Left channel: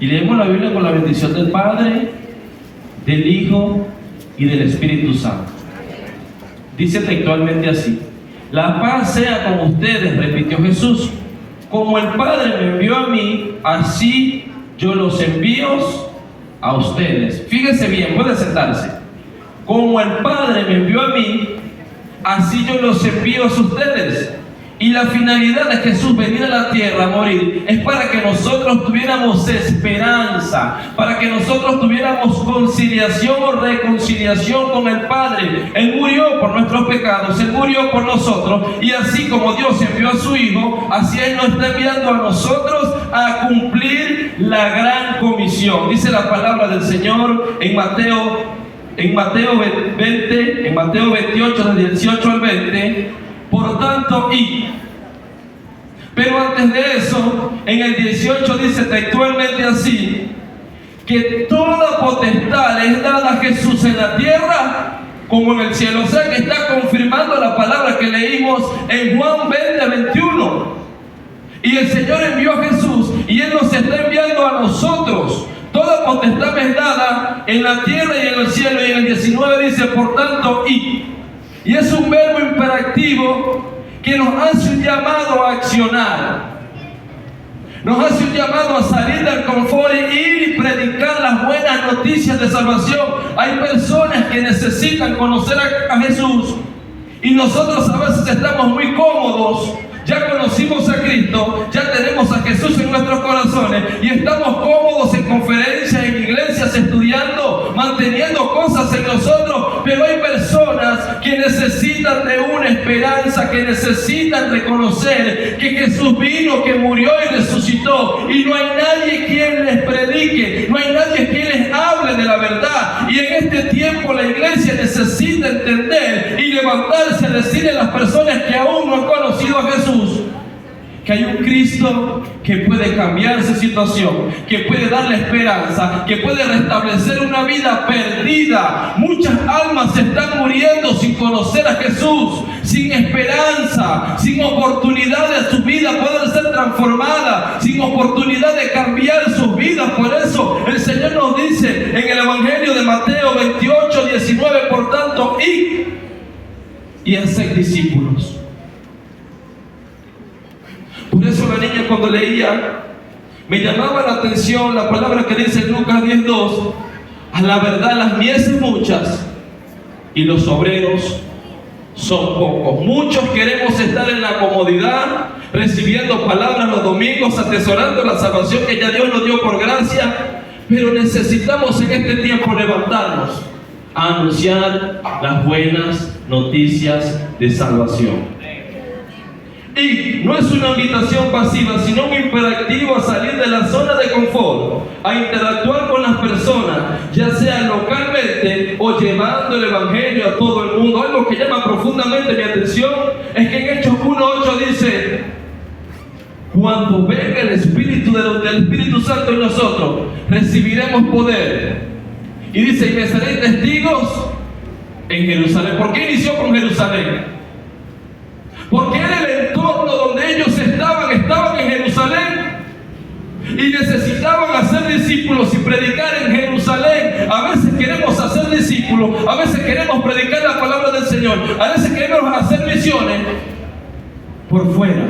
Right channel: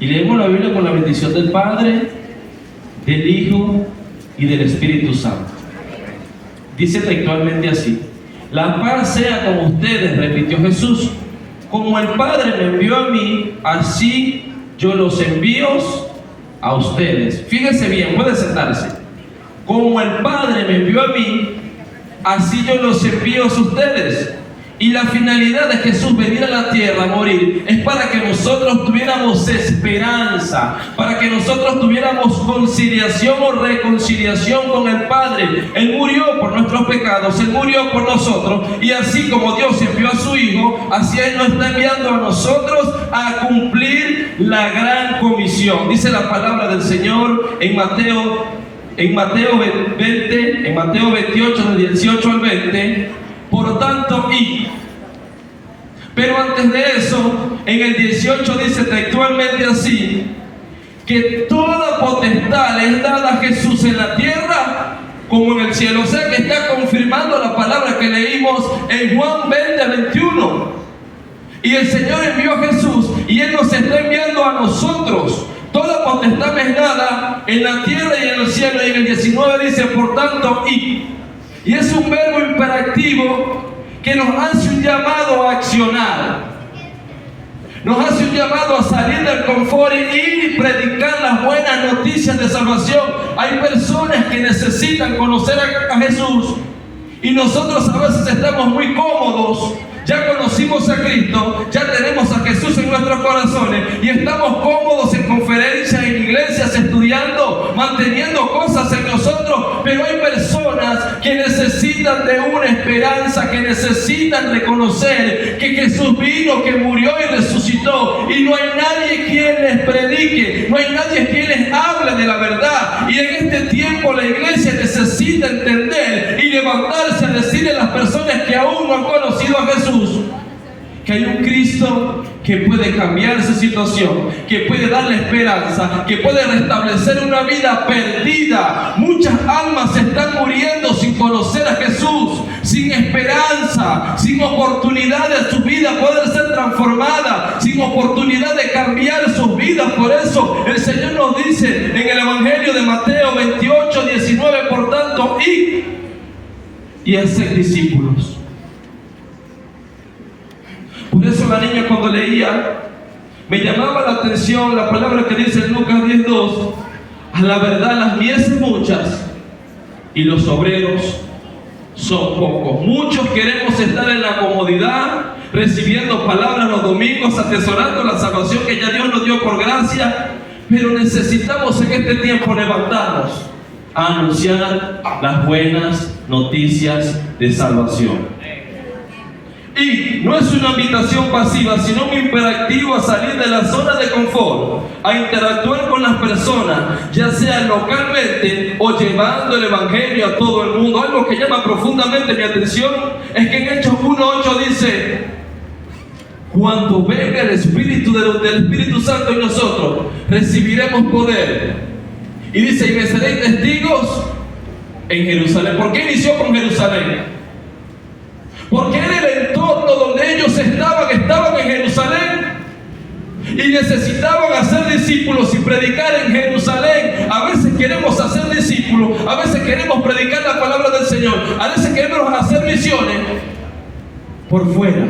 Y leemos la Biblia con la bendición del Padre, del Hijo y del Espíritu Santo. Dice textualmente así: la paz sea con ustedes, repitió Jesús. Como el Padre me envió a mí, así yo los envío a ustedes. Fíjense bien, puede sentarse. Como el Padre me envió a mí, así yo los envío a ustedes. Y la finalidad de Jesús venir a la tierra a morir es para que nosotros tuviéramos esperanza, para que nosotros tuviéramos conciliación o reconciliación con el Padre. Él murió por nuestros pecados, Él murió por nosotros, y así como Dios envió a su Hijo, así Él nos está enviando a nosotros a cumplir la gran comisión. Dice la palabra del Señor en Mateo 28, del 18 al 20. Por tanto, id. Pero antes de eso, en el 18 dice textualmente así: que toda potestad es dada a Jesús en la tierra como en el cielo. O sea que está confirmando la palabra que leímos en Juan 20:21. Y el Señor envió a Jesús y Él nos está enviando a nosotros. Toda potestad me es dada en la tierra y en el cielo. Y en el 19 dice: por tanto, id. Y es un verbo imperativo que nos hace un llamado a accionar. Nos hace un llamado a salir del confort y ir y predicar las buenas noticias de salvación. Hay personas que necesitan conocer a Jesús y nosotros a veces estamos muy cómodos. Ya conocimos a Cristo, ya tenemos a Jesús en nuestros corazones y estamos cómodos en conferencias, en iglesias, estudiando, manteniendo cosas en nosotros, pero hay personas que necesitan de una esperanza, que necesitan reconocer que Jesús vino, que murió y resucitó, y no hay nadie quien les predique, no hay nadie quien les hable de la verdad. Y en este tiempo la iglesia necesita entender y levantarse a decirle a las personas que aún no han conocido a Jesús que hay un Cristo que puede cambiar su situación, que puede darle esperanza, que puede restablecer una vida perdida. Muchas almas se están muriendo sin conocer a Jesús, sin esperanza, sin oportunidad de su vida poder ser transformada, sin oportunidad de cambiar sus vidas. Por eso el Señor nos dice en el Evangelio de Mateo 28, 19: por tanto, id y haced discípulos. Por eso la niña, cuando leía, me llamaba la atención la palabra que dice en Lucas 10:2: a la verdad las mies son muchas y los obreros son pocos. Muchos queremos estar en la comodidad, recibiendo palabras los domingos, atesorando la salvación que ya Dios nos dio por gracia, pero necesitamos en este tiempo levantarnos a anunciar las buenas noticias de salvación. Y no es una invitación pasiva, sino un imperativo a salir de la zona de confort, a interactuar con las personas, ya sea localmente o llevando el Evangelio a todo el mundo. Algo que llama profundamente mi atención es que en Hechos 1:8 dice: cuando venga el Espíritu del Espíritu Santo en nosotros, recibiremos poder. Y dice: y me seréis testigos en Jerusalén. ¿Por qué inició con Jerusalén? Porque era el entorno donde ellos estaban en Jerusalén y necesitaban hacer discípulos y predicar en Jerusalén. A veces queremos hacer discípulos, a veces queremos predicar la palabra del Señor, a veces queremos hacer misiones por fuera.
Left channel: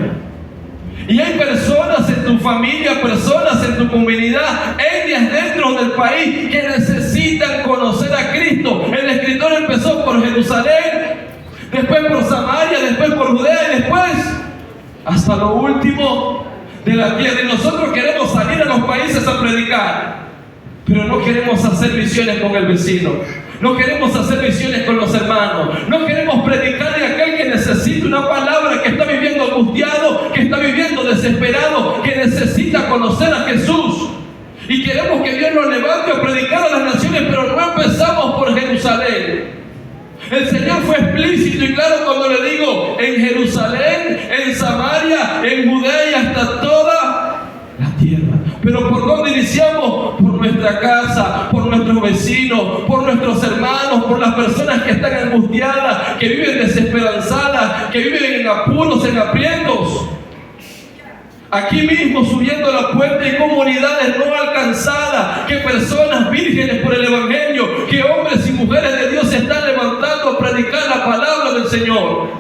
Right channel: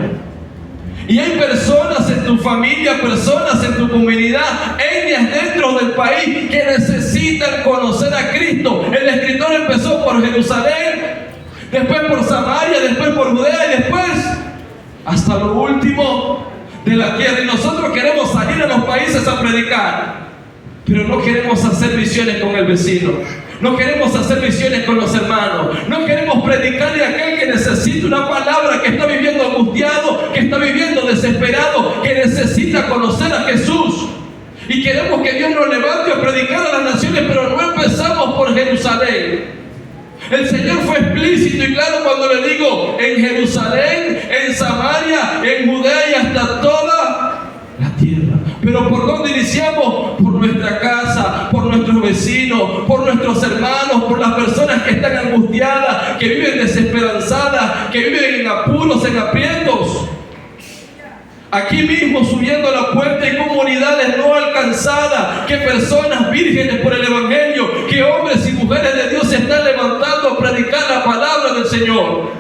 Y hay personas en tu familia, personas en tu comunidad, etnias dentro del país que necesitan conocer a Cristo. El escritor empezó por Jerusalén, después por Samaria, después por Judea y después hasta lo último de la tierra. Y nosotros queremos salir a los países a predicar, pero no queremos hacer misiones con el vecino, no queremos hacer misiones con los hermanos, no queremos predicarle a aquel que necesita una palabra, que está viviendo angustiado, que está viviendo desesperado, que necesita conocer a Jesús. Y queremos que Dios nos levante a predicar a las naciones, pero no empezamos por Jerusalén. El Señor fue explícito y claro cuando le digo: en Jerusalén, en Samaria, en Judea y hasta toda la tierra. Pero ¿por dónde iniciamos? Por nuestra casa, por nuestros vecinos, por nuestros hermanos, por las personas que están angustiadas, que viven desesperanzadas, que viven en apuros, en aprietos. Aquí mismo, subiendo la puerta, hay comunidades no alcanzadas personas vírgenes por el Evangelio, que hombres y mujeres de Dios se están levantando a predicar la palabra del Señor.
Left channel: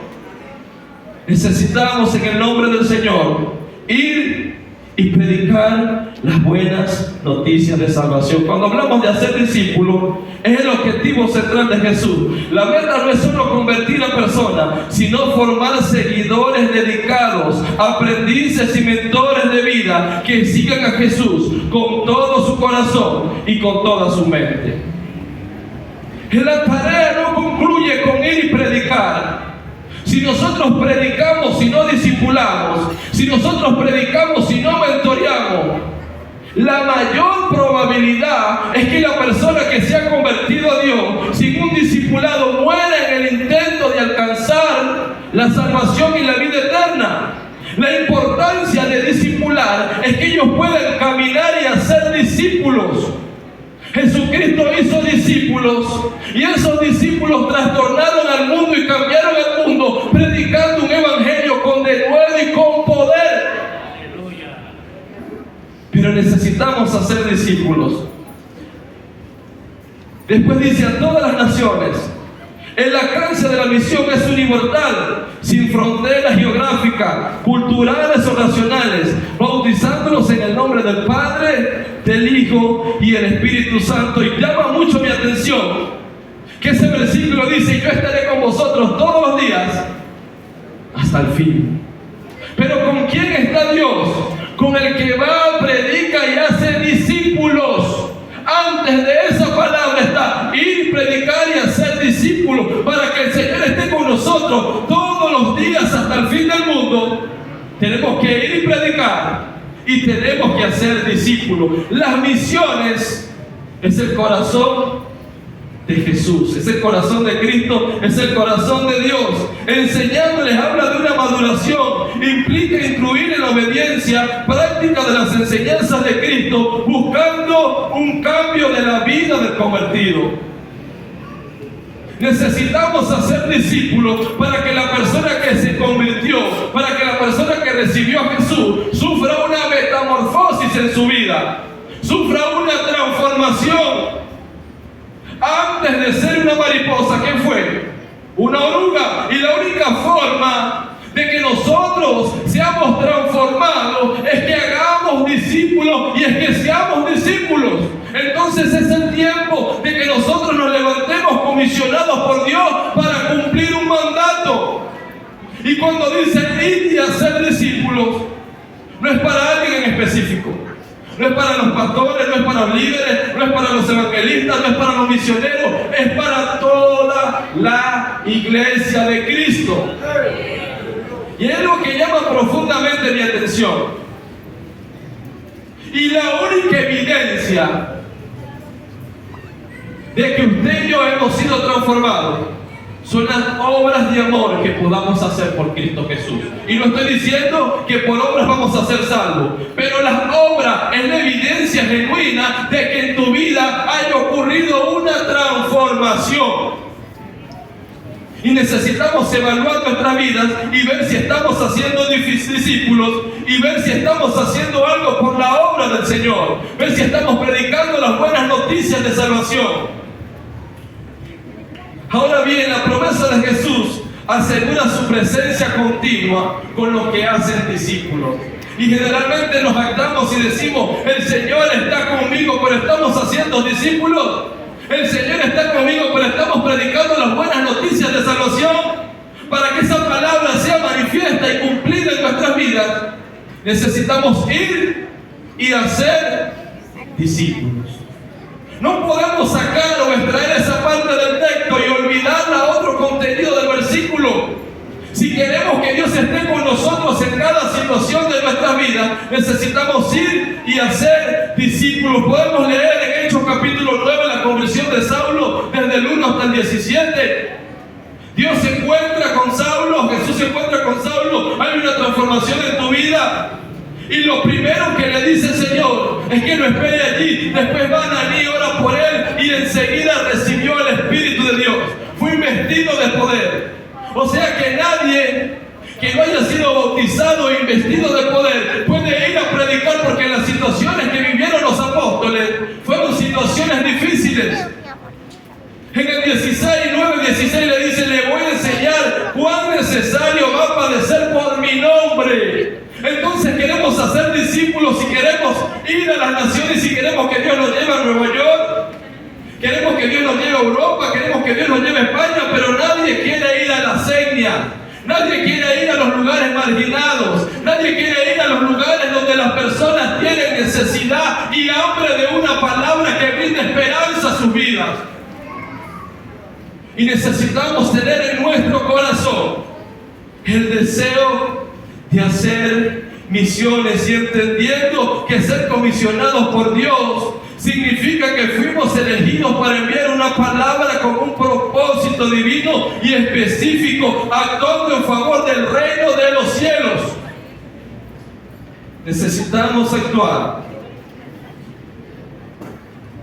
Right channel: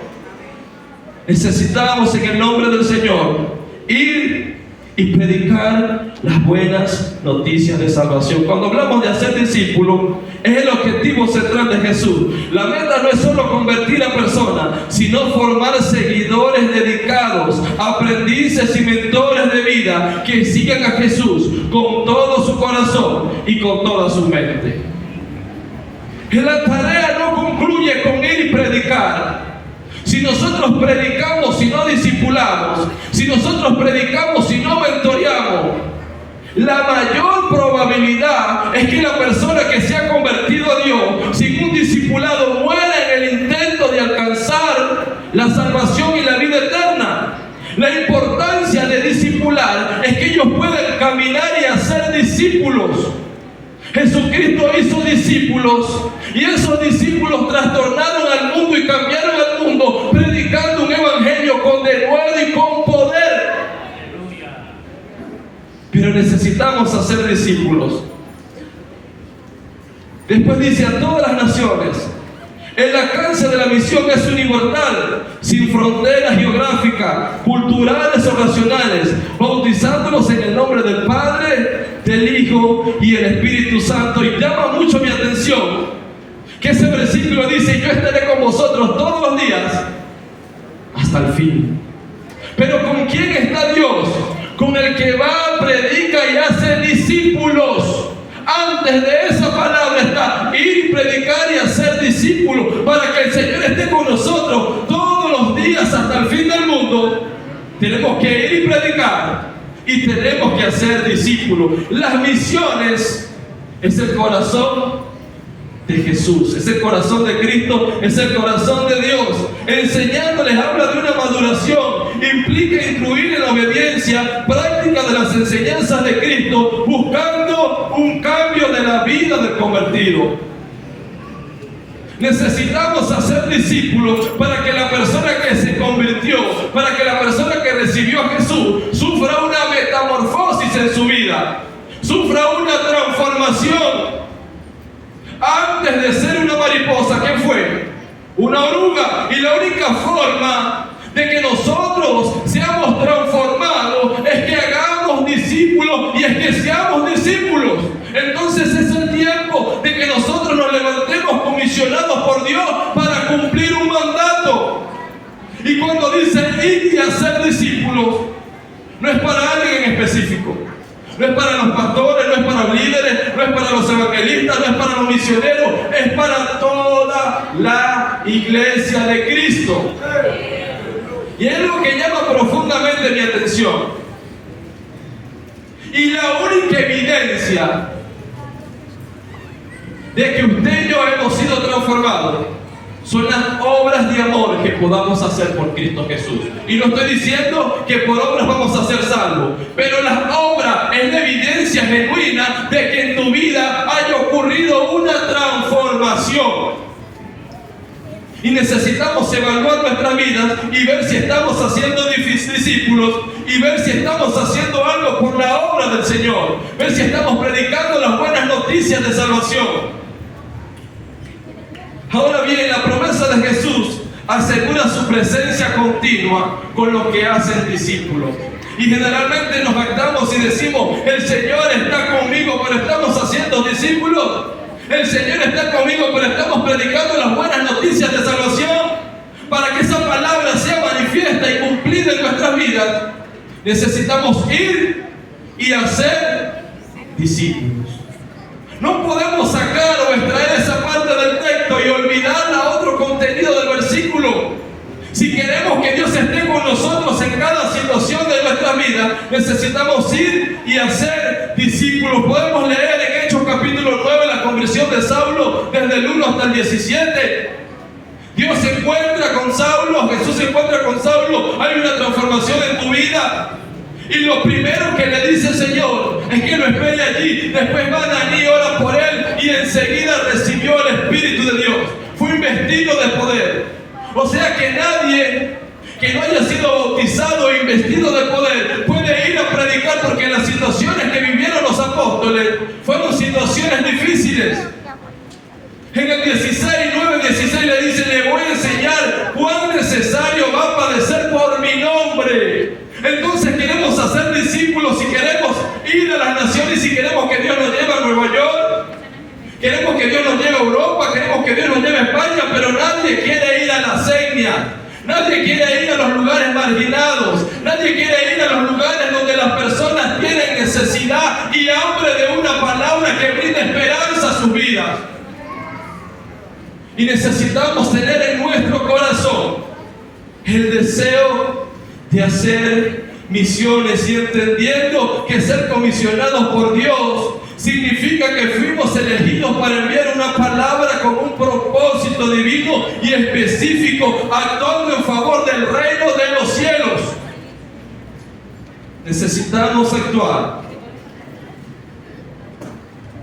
Necesitamos en el nombre del Señor ir y predicar las buenas noticias de salvación. Cuando hablamos de hacer discípulos, es el objetivo central de Jesús. La meta no es solo convertir a personas, sino formar seguidores dedicados, aprendices y mentores de vida que sigan a Jesús con todo su corazón y con toda su mente. Que la tarea no concluye con ir y predicar. Si nosotros predicamos y no discipulamos, si nosotros predicamos y no mentoreamos, la mayor probabilidad es que la persona que se ha convertido a Dios sin un discipulado muera en el intento de alcanzar la salvación y la vida eterna. La importancia de discipular es que ellos puedan caminar y hacer discípulos. Jesucristo hizo discípulos y esos discípulos trastornaron al mundo y cambiaron al mundo predicando un evangelio con denuedo y con poder. Pero necesitamos hacer discípulos. Después dice a todas las naciones. El alcance de la misión es universal, sin fronteras geográficas, culturales o nacionales, bautizándolos en el nombre del Padre, del Hijo y el Espíritu Santo. Y llama mucho mi atención que ese versículo dice: yo estaré con vosotros todos los días hasta el fin. Pero ¿con quién está Dios? Con el que va, predica y hace discípulos. Antes de esa palabra está ir, predicar y hacer discípulos, para que el Señor esté con nosotros todos los días hasta el fin del mundo. Tenemos que ir y predicar y tenemos que hacer discípulos. Las misiones es el corazón de Jesús, es el corazón de Cristo, es el corazón de Dios. Enseñándoles habla de una maduración, implica incluir en la obediencia práctica de las enseñanzas de Cristo, buscando un cambio de la vida del convertido. Necesitamos hacer discípulos para que la persona que se convirtió, para que la persona que recibió a Jesús sufra una metamorfosis en su vida, sufra una transformación. Antes de ser una mariposa, ¿qué fue? Una oruga. Y la única forma de que nosotros seamos transformados es que hagamos discípulos y es que seamos discípulos. Entonces es el tiempo de que nosotros nos levantemos comisionados por Dios para cumplir un mandato. Y cuando dice ir y hacer discípulos, no es para alguien en específico. No es para los pastores, no es para los líderes, no es para los evangelistas, no es para los misioneros, es para toda la iglesia de Cristo. Y es lo que llama profundamente mi atención. Y la única evidencia de que usted y yo hemos sido transformados son las obras de amor que podamos hacer por Cristo Jesús. Y no estoy diciendo que por obras vamos a ser salvos, pero las obras es la evidencia genuina de que en tu vida haya ocurrido una transformación. Y necesitamos evaluar nuestras vidas y ver si estamos haciendo discípulos y ver si estamos haciendo algo por la obra del Señor, ver si estamos predicando las buenas noticias de salvación. Ahora bien, la promesa de Jesús asegura su presencia continua con los que hacen discípulos. Y generalmente nos jactamos y decimos: el Señor está conmigo, pero estamos haciendo discípulos. El Señor está conmigo, pero estamos predicando las buenas noticias de salvación. Para que esa palabra sea manifiesta y cumplida en nuestras vidas, necesitamos ir y hacer discípulos. No podemos sacar o extraer esa parte del texto y olvidarla a otro contenido del versículo. Si queremos que Dios esté con nosotros en cada situación de nuestra vida, necesitamos ir y hacer discípulos. Podemos leer en Hechos capítulo 9 la conversión de Saulo desde el 1 hasta el 17. Dios se encuentra con Saulo, Jesús se encuentra con Saulo, hay una transformación en tu vida. Y lo primero que le dice el Señor es que lo espere allí. Después van allí, ora por él y enseguida recibió el Espíritu de Dios. Fue investido de poder. O sea que nadie que no haya sido bautizado e investido de poder puede ir a predicar, porque las situaciones que vivieron los apóstoles fueron situaciones ir a las naciones y queremos que Dios nos lleve a Nueva York. Queremos que Dios nos lleve a Europa, queremos que Dios nos lleve a España, pero nadie quiere ir a la Segnia. Nadie quiere ir a los lugares marginados. Nadie quiere ir a los lugares donde las personas tienen necesidad y hambre de una palabra que brinda esperanza a sus vidas. Y necesitamos tener en nuestro corazón el deseo de hacer misiones y entendiendo que ser comisionados por Dios significa que fuimos elegidos para enviar una palabra con un propósito divino y específico, actuando en favor del reino de los cielos. Necesitamos actuar.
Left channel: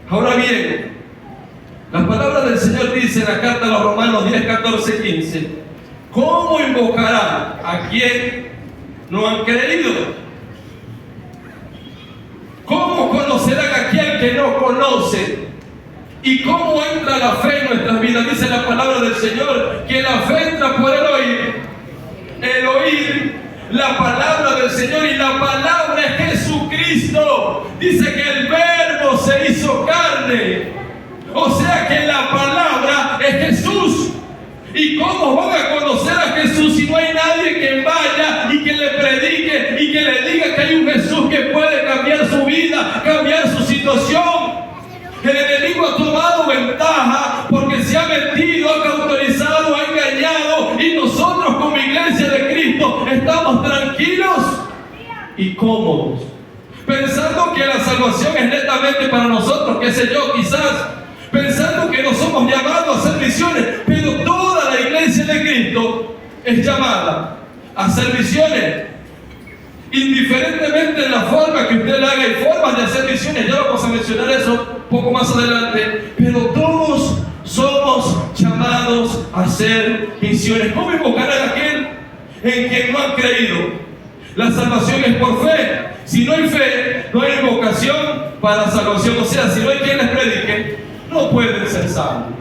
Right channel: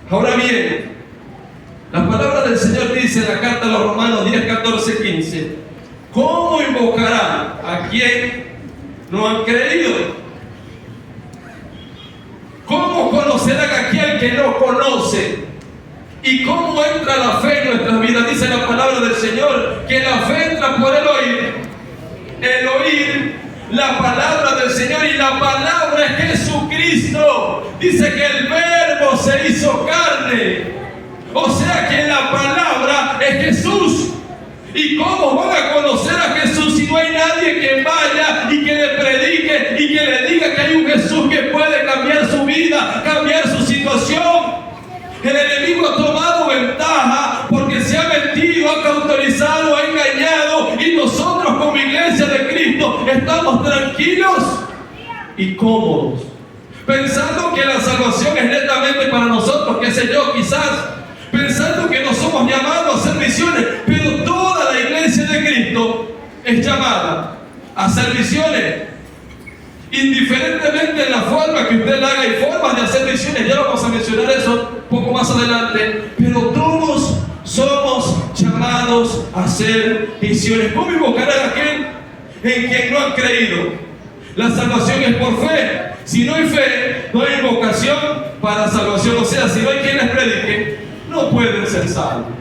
Ahora bien, la palabra del Señor dice en la carta a los Romanos 10, 14, 15: ¿cómo invocarán a quien no han creído? ¿Cómo conocerán a aquel que no conoce? ¿Y cómo entra la fe en nuestras vidas? Dice la palabra del Señor que la fe entra por el oír la palabra del Señor, y la palabra es Jesucristo. Dice que el Verbo se hizo carne, o sea que la palabra es Jesús. ¿Y cómo van a conocer a Jesús si no hay nadie que vaya y que le predique y que le diga que hay un Jesús que puede cambiar su vida, cambiar su situación? El enemigo ha tomado ventaja porque se ha metido, ha cauterizado, ha engañado, y nosotros como iglesia de Cristo estamos tranquilos y cómodos, pensando que la salvación es netamente para nosotros, qué sé yo, quizás pensando que no somos llamados a hacer misiones, pero toda la iglesia de Cristo es llamada a hacer misiones, indiferentemente de la forma que usted la haga. Hay formas de hacer misiones, ya vamos a mencionar eso un poco más adelante, pero todos somos llamados a hacer misiones. ¿Cómo invocarán a aquel en quien no han creído? La salvación es por fe. Si no hay fe, no hay invocación para salvación. O sea, si no hay quien les predique, no pueden ser salvos.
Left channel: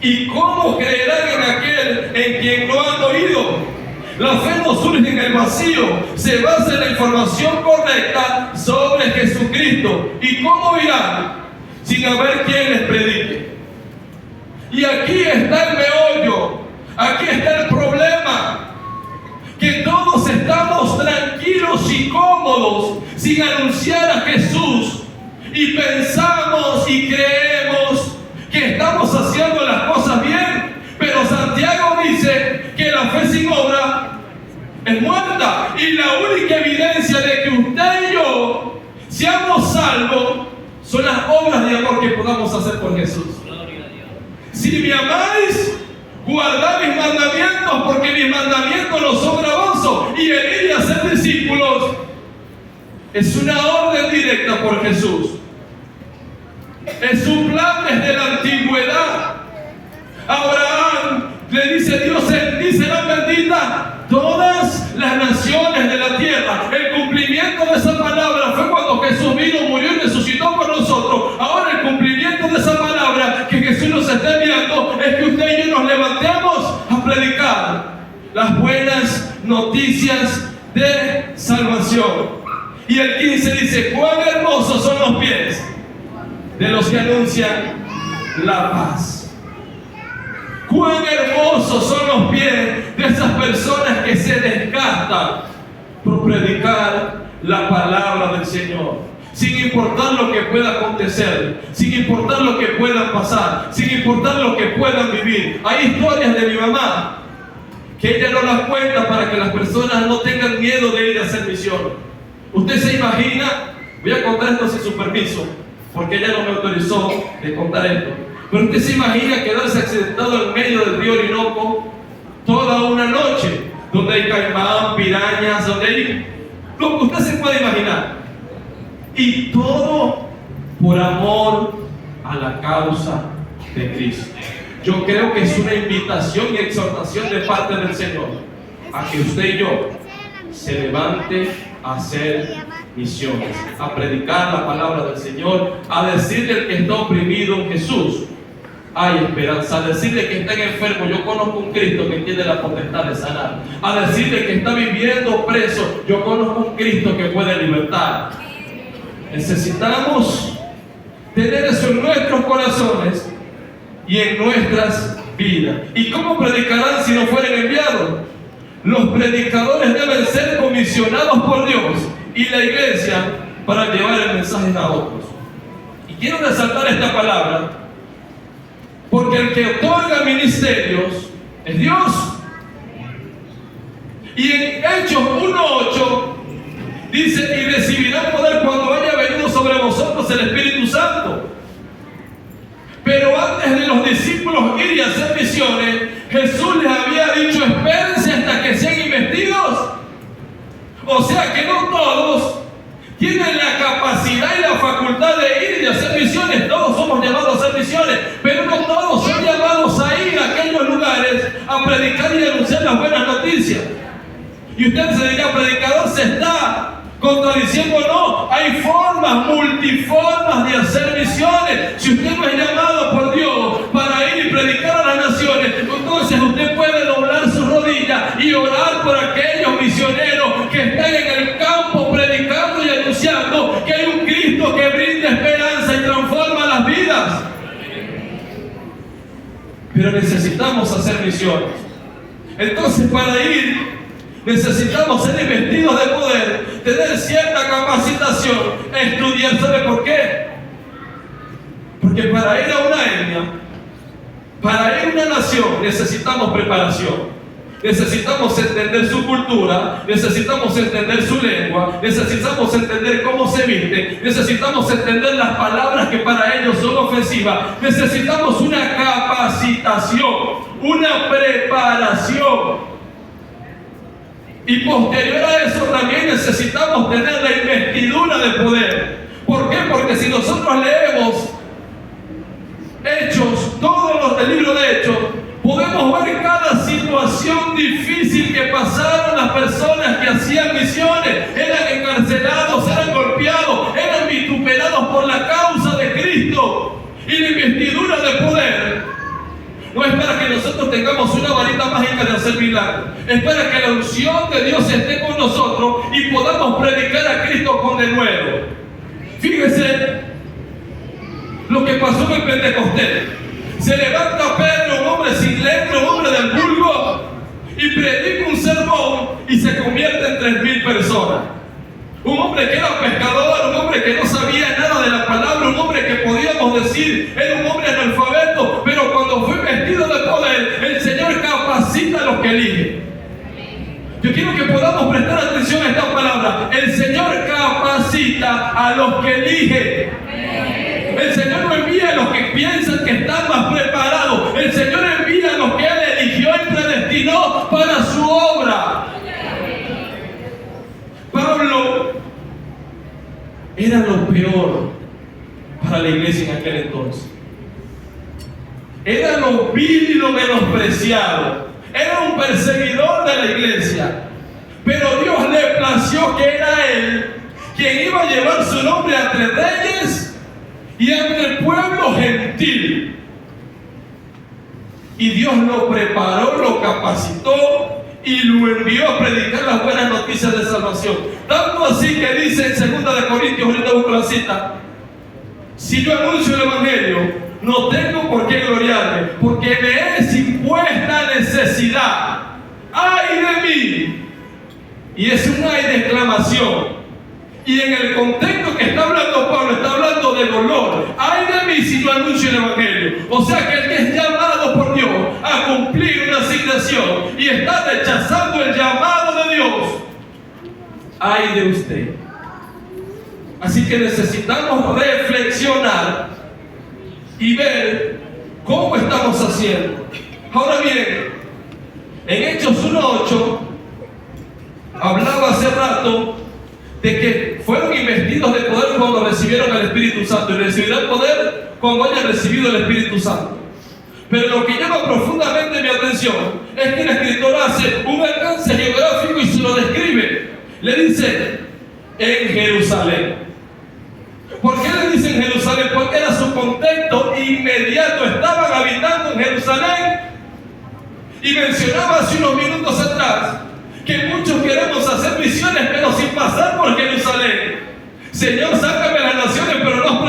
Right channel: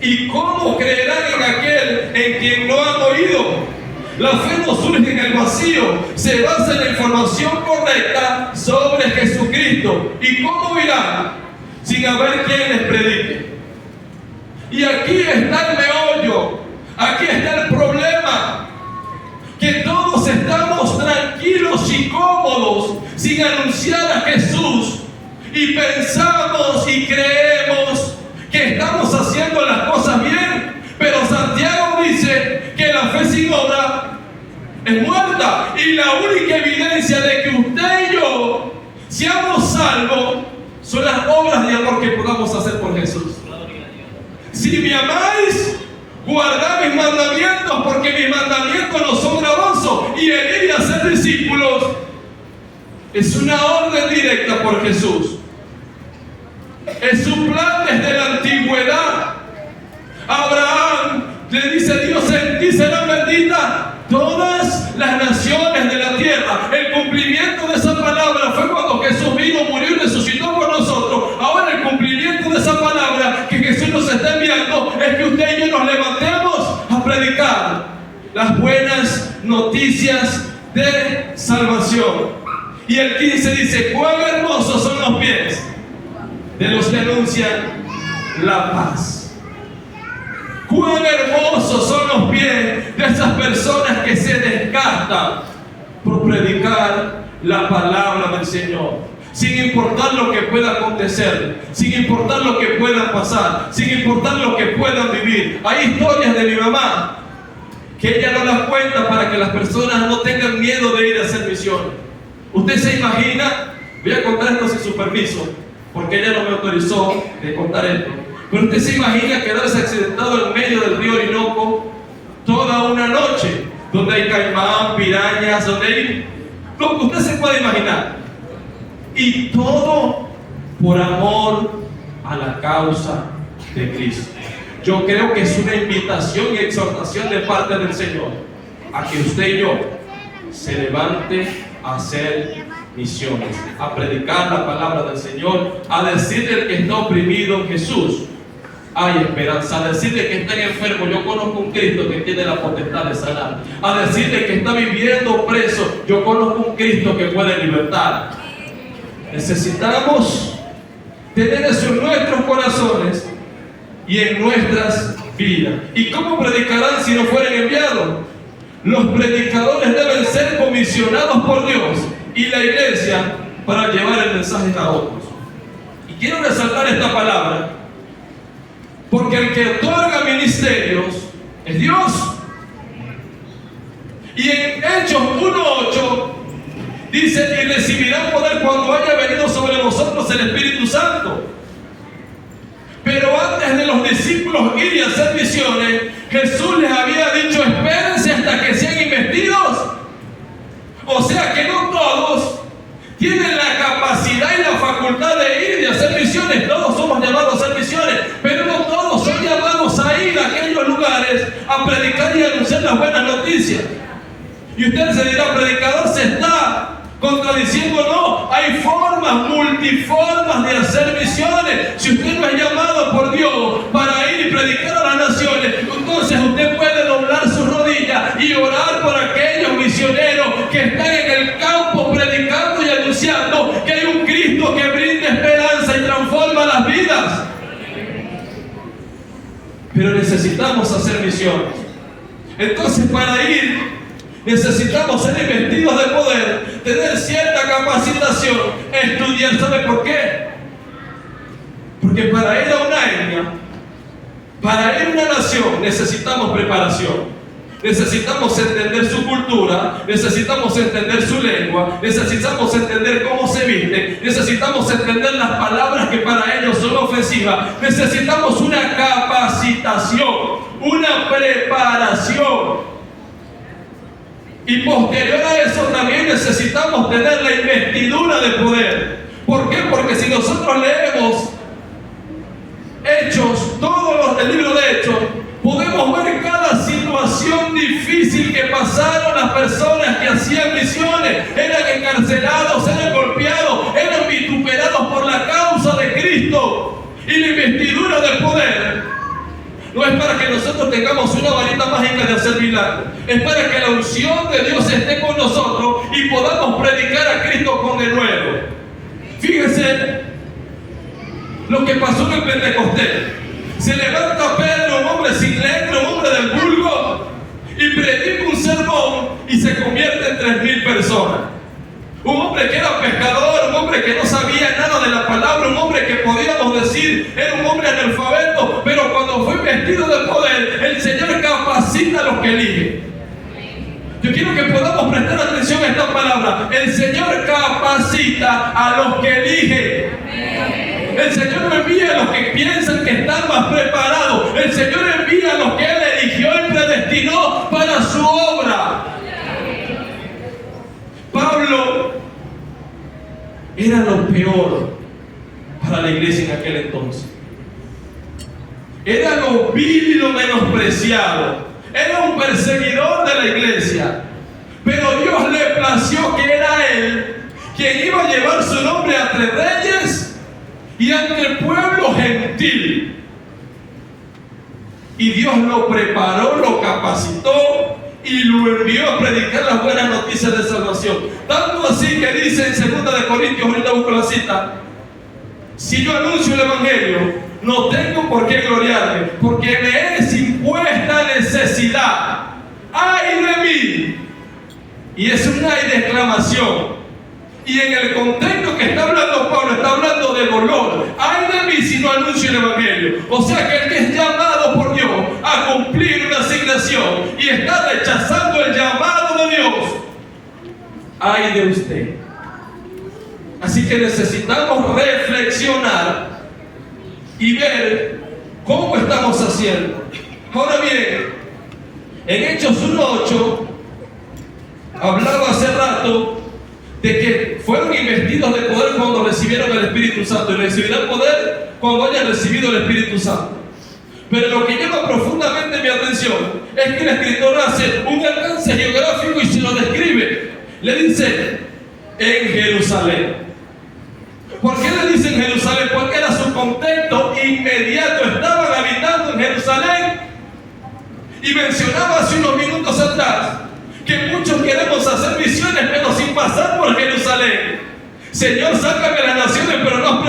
¿Y cómo creerán en aquel en quien no han oído? La fe no surge en el vacío, se basa en la información correcta sobre Jesucristo. ¿Y cómo irán sin haber quien les predique? Y aquí está el meollo, aquí está el problema, que todos estamos tranquilos y cómodos sin anunciar a Jesús, y pensamos y creemos que estamos haciendo las cosas bien, pero Santiago dice que la fe sin obra es muerta, y la única evidencia de que usted y yo seamos salvos son las obras de amor que podamos hacer por Jesús. Si me amáis, guardad mis mandamientos, porque mis mandamientos no son gravosos, y el ir a ser discípulos es una orden directa por Jesús. Es su plan desde la antigüedad. Abraham le dice Dios: en ti serán benditas todas las naciones de la tierra. El cumplimiento de esa palabra fue cuando Jesús vino, murió y resucitó por nosotros. Ahora el cumplimiento de esa palabra que Jesús nos está enviando es que usted y yo nos levantemos a predicar las buenas noticias de salvación. Y el 15 dice: cuán hermosos son los pies de los que anuncian la paz. Cuán hermosos son los pies de esas personas que se desgastan por predicar la palabra del Señor, sin importar lo que pueda acontecer, sin importar lo que pueda pasar, sin importar lo que puedan vivir. Hay historias de mi mamá que ella no las cuenta para que las personas no tengan miedo de ir a hacer misión. Usted se imagina, voy a contar esto sin su permiso, porque ella no me autorizó de contar esto, pero usted se imagina quedarse accidentado en medio del río Orinoco toda una noche, donde hay caimán, pirañas, donde hay lo que usted se puede imaginar, y todo por amor a la causa de Cristo. Yo creo que es una invitación y exhortación de parte del Señor a que usted y yo se levante a hacer misiones, a predicar la palabra del Señor, a decirle al que está oprimido en Jesús: hay esperanza. A decirle que está enfermo: yo conozco un Cristo que tiene la potestad de sanar. A decirle que está viviendo preso: yo conozco un Cristo que puede libertar. Necesitamos tener eso en nuestros corazones y en nuestras vidas. ¿Y cómo predicarán si no fueren enviados? Los predicadores deben ser comisionados por Dios y la iglesia para llevar el mensaje a otros. Y quiero resaltar esta palabra, porque el que otorga ministerios es Dios. Y en Hechos 1:8 dice: y recibirán poder cuando haya venido sobre vosotros el Espíritu Santo. Pero antes de los discípulos ir y hacer misiones, Jesús les había dicho: espérense hasta que sean investidos. O sea que no todos tienen la capacidad y la facultad de ir y de hacer misiones. Todos somos llamados a hacer misiones, pero no todos son llamados a ir a aquellos lugares a predicar y anunciar las buenas noticias. Y usted se dirá: predicador, se está contradiciendo. No, hay formas, multiformas de hacer misiones. Si usted no es llamado por Dios para ir y predicar a las naciones, entonces usted puede doblar su rodilla y orar por aquellos misioneros que están en el campo predicando y anunciando que hay un Cristo que brinda esperanza y transforma las vidas. Pero necesitamos hacer misiones. Entonces, para ir necesitamos ser investidos de poder, tener cierta capacitación, estudiar. ¿Sabe por qué? Porque para ir a una etnia, para ir a una nación, necesitamos preparación. Necesitamos entender su cultura, necesitamos entender su lengua, necesitamos entender cómo se viste, necesitamos entender las palabras que para ellos son ofensivas. Necesitamos una capacitación, una preparación. Y posterior a eso también necesitamos tener la investidura de poder. ¿Por qué? Porque si nosotros leemos Hechos, todos los del libro de Hechos, podemos ver cada situación difícil que pasaron las personas que hacían misiones. Eran encarcelados, eran golpeados, eran vituperados por la causa de Cristo. Y la investidura de poder no es para que nosotros tengamos una varita mágica de hacer milagros. Es para que la unción de Dios esté con nosotros y podamos predicar a Cristo con denuedo. Fíjese lo que pasó en el Pentecostés. Se levanta Pedro, un hombre sin letra, un hombre del vulgo, y predica un sermón y se convierte en 3,000 personas. Un hombre que era pescador, un hombre que no sabía nada de la palabra, un hombre que podíamos decir era un hombre analfabeto, pero cuando fue vestido de poder, el Señor capacita a los que elige. Yo quiero que podamos prestar atención a esta palabra. El Señor capacita a los que elige. El Señor no envía a los que piensan que están más preparados. El Señor envía a los que Él eligió y predestinó para su obra. Pablo era lo peor para la iglesia en aquel entonces. Era lo vil y lo menospreciado. Era un perseguidor de la iglesia. Pero Dios le plació que era él quien iba a llevar su nombre ante reyes y ante el pueblo gentil. Y Dios lo preparó, lo capacitó y lo envió a predicar las buenas noticias de salvación. Tanto así que dice en 2 Corintios, ahorita busco la cita: si yo anuncio el Evangelio, no tengo por qué gloriarme, porque me es impuesta necesidad. ¡Ay de mí! Y es un ay de exclamación. Y en el contexto que está hablando Pablo, está hablando de dolor. ¡Ay de mí si no anuncio el Evangelio! O sea que el que es llamado por Dios a cumplir una asignación y está rechazando el llamado de Dios, ¡ay de usted! Así que necesitamos reflexionar y ver cómo estamos haciendo. Ahora bien, en Hechos 1:8 hablaba hace rato de que fueron investidos de poder cuando recibieron el Espíritu Santo, y recibirán poder cuando hayan recibido el Espíritu Santo. Pero lo que llama profundamente mi atención es que el escritor hace un alcance geográfico y se lo describe. Le dice: en Jerusalén. ¿Por qué le dicen Jerusalén? Porque era su contexto inmediato. Estaban habitando en Jerusalén. Y mencionaba hace unos minutos atrás que muchos queremos hacer misiones, pero sin pasar por Jerusalén. Señor, sácame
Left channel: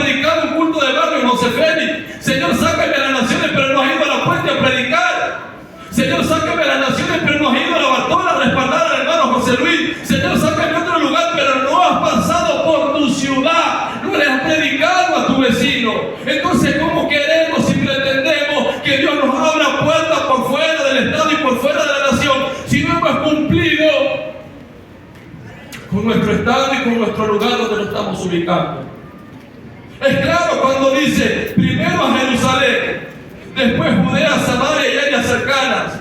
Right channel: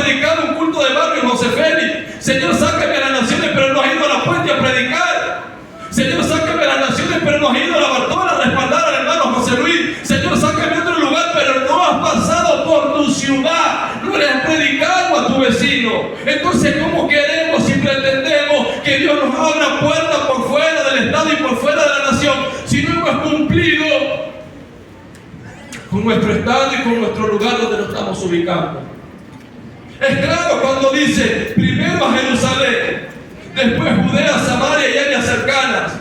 predicar un culto de barrio en José Félix. Señor, sácame a las naciones, pero no has ido a la puente a predicar. Señor, sácame a las naciones, pero no has ido a la Bartola a respaldar al hermano José Luis. Señor, sácame a otro lugar, pero no has pasado por tu ciudad. No le has predicado a tu vecino. Entonces, ¿cómo queremos y pretendemos que Dios nos abra puertas por fuera del Estado y por fuera de la nación si no hemos cumplido con nuestro Estado y con nuestro lugar donde nos estamos ubicando? Es claro cuando dice primero a Jerusalén, después Judea, Samaria y áreas cercanas,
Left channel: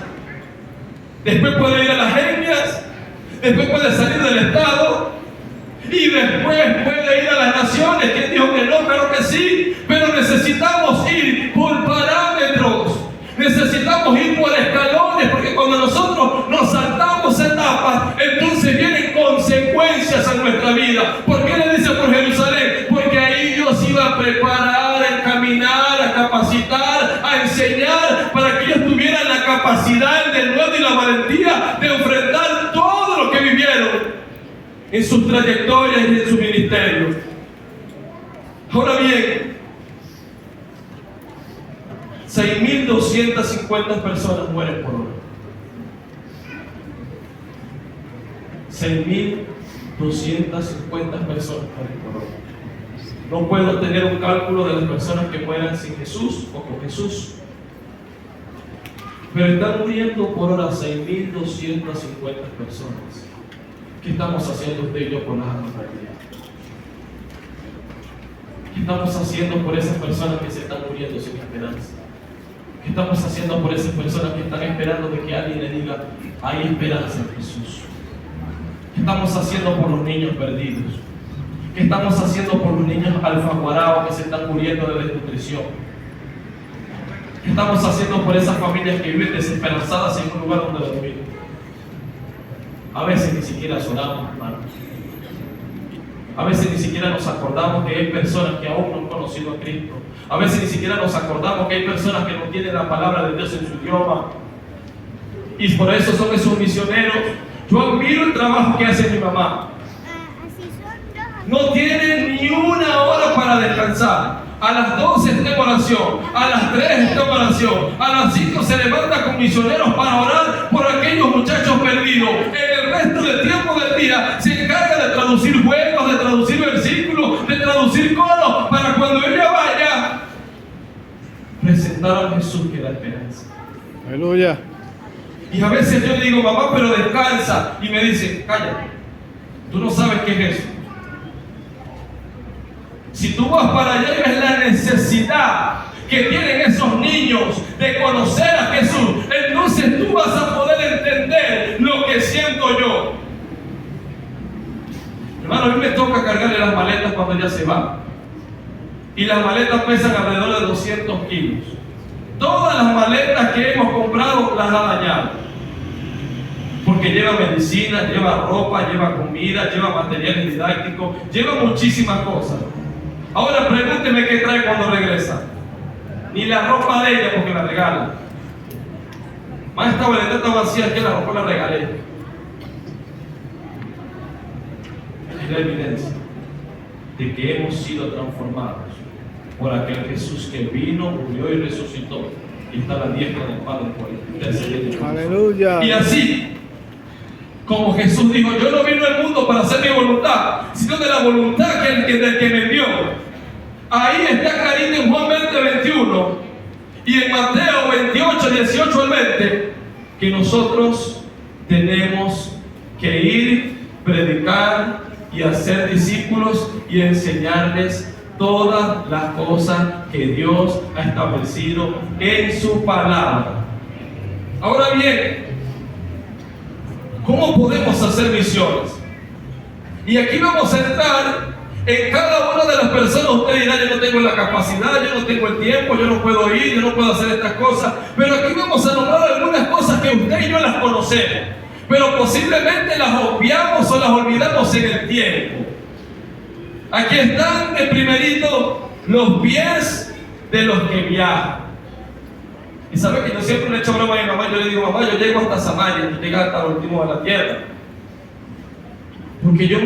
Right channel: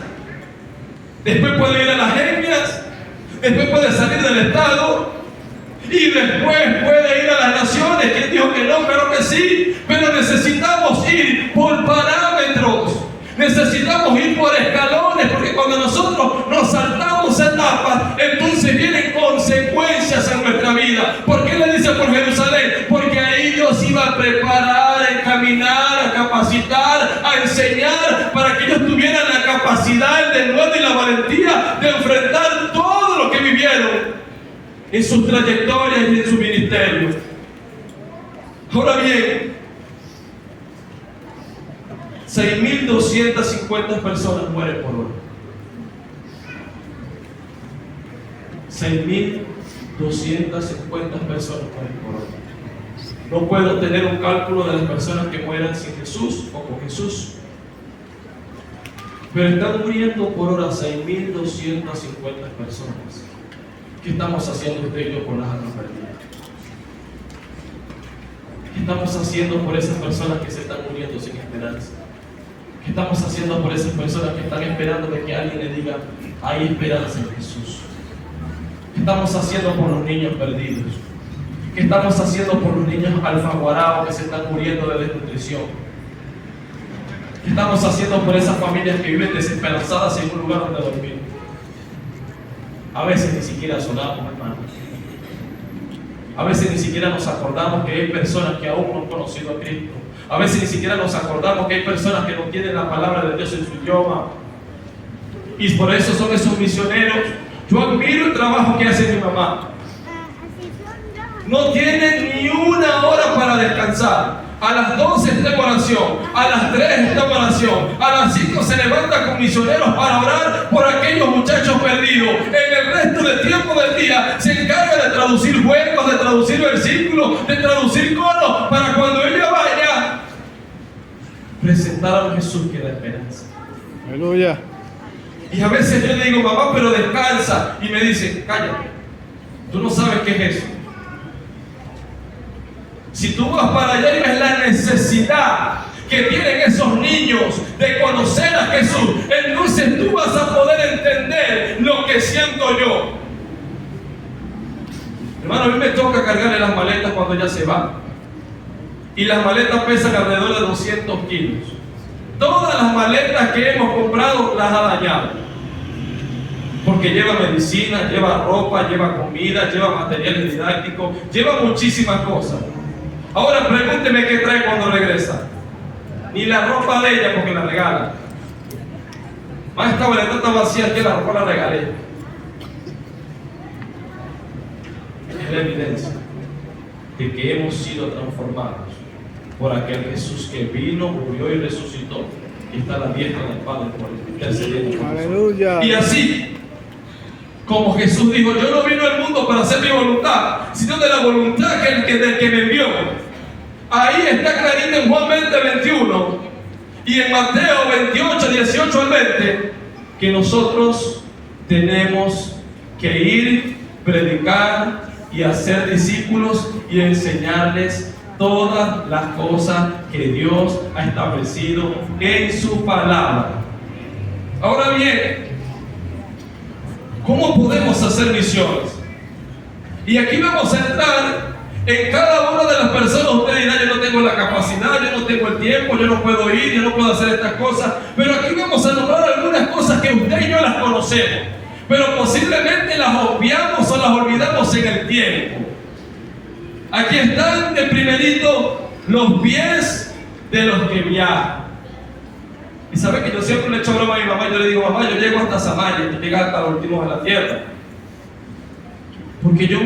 después puede ir a las etnias, después puede salir del Estado y después puede ir a las naciones. ¿Quién dijo que no? Claro que sí, pero necesitamos ir por parámetros, necesitamos ir por escalones, porque cuando nosotros nos saltamos etapas, entonces vienen consecuencias a nuestra vida. ¿Por qué le dice por Jerusalén? Porque ahí Dios iba a preparar, a encaminar, a capacitar, a enseñar, para que ellos tuvieran la capacidad, el denuedo y la valentía de enfrentar todo lo que vivieron en sus trayectorias y en su ministerio. Ahora bien, 6.250 personas mueren por hora. 6.250 personas mueren por hora. No puedo tener un cálculo de las personas que mueran sin Jesús o con Jesús, pero están muriendo por hora 6.250 personas. ¿Qué estamos haciendo usted y yo por las almas perdidas? ¿Qué estamos haciendo por esas personas que se están muriendo sin esperanza? ¿Qué estamos haciendo por esas personas que están esperando de que alguien les diga, hay esperanza en Jesús? ¿Qué estamos haciendo por los niños perdidos? ¿Qué estamos haciendo por los niños alfaguarados que se están muriendo de desnutrición? ¿Qué estamos haciendo por esas familias que viven desesperanzadas sin un lugar donde dormir? A veces ni siquiera oramos, hermanos. A veces ni siquiera nos acordamos que hay personas que aún no han conocido a Cristo. A veces ni siquiera nos acordamos que hay personas que no tienen la palabra de Dios en su idioma. Y por eso son esos misioneros. Yo admiro el trabajo que hace mi mamá. No tienen ni una hora para descansar. A las 12 está en oración, a las 3 está en oración, a las 5 se levanta con misioneros para orar por aquellos muchachos perdidos. En el resto del tiempo del día se encarga de traducir juegos, de traducir versículos, de traducir coros, para cuando ella vaya presentar a Jesús que da esperanza. Aleluya. Y a veces yo le digo, mamá, pero descansa, y me dicen, cállate, tú no sabes qué es eso. Si tú vas para allá y ves la necesidad que tienen esos niños de conocer a Jesús, entonces tú vas a poder entender lo que siento yo. Hermano, a mí me toca cargarle las maletas cuando ella se va. Y las maletas pesan alrededor de 200 kilos. Todas las maletas que hemos comprado las ha dañado. Porque lleva medicina, lleva ropa, lleva comida, lleva materiales didácticos, lleva muchísimas cosas. Ahora pregúnteme qué trae cuando regresa. Ni la ropa de ella, porque la regala. Más esta boleta está vacía, que la ropa la regalé. Es la evidencia de que hemos sido transformados por aquel Jesús que vino, murió y resucitó, y está a la diestra del Padre por intercediendo. Aleluya. Y así como Jesús dijo, yo no vino al mundo para hacer mi voluntad, sino de la voluntad del que me envió. Ahí está clarito en Juan 20:21 y en Mateo 28, 18 al 20, que nosotros tenemos que ir, predicar y hacer discípulos y enseñarles todas las cosas que Dios ha establecido en su palabra. Ahora bien, ¿cómo podemos hacer misiones? Y aquí vamos a entrar en cada una de las personas. Usted dirá, yo no tengo la capacidad, yo no tengo el tiempo, yo no puedo ir, yo no puedo hacer estas cosas. Pero aquí vamos a nombrar algunas cosas que usted y yo las conocemos, pero posiblemente las obviamos o las olvidamos en el tiempo. Aquí están de primerito los pies de los que viajan. Y sabe que yo siempre le echo broma a mi mamá. Yo le digo, mamá, yo llego hasta Samaria, tú llegas hasta el último de la tierra. Porque yo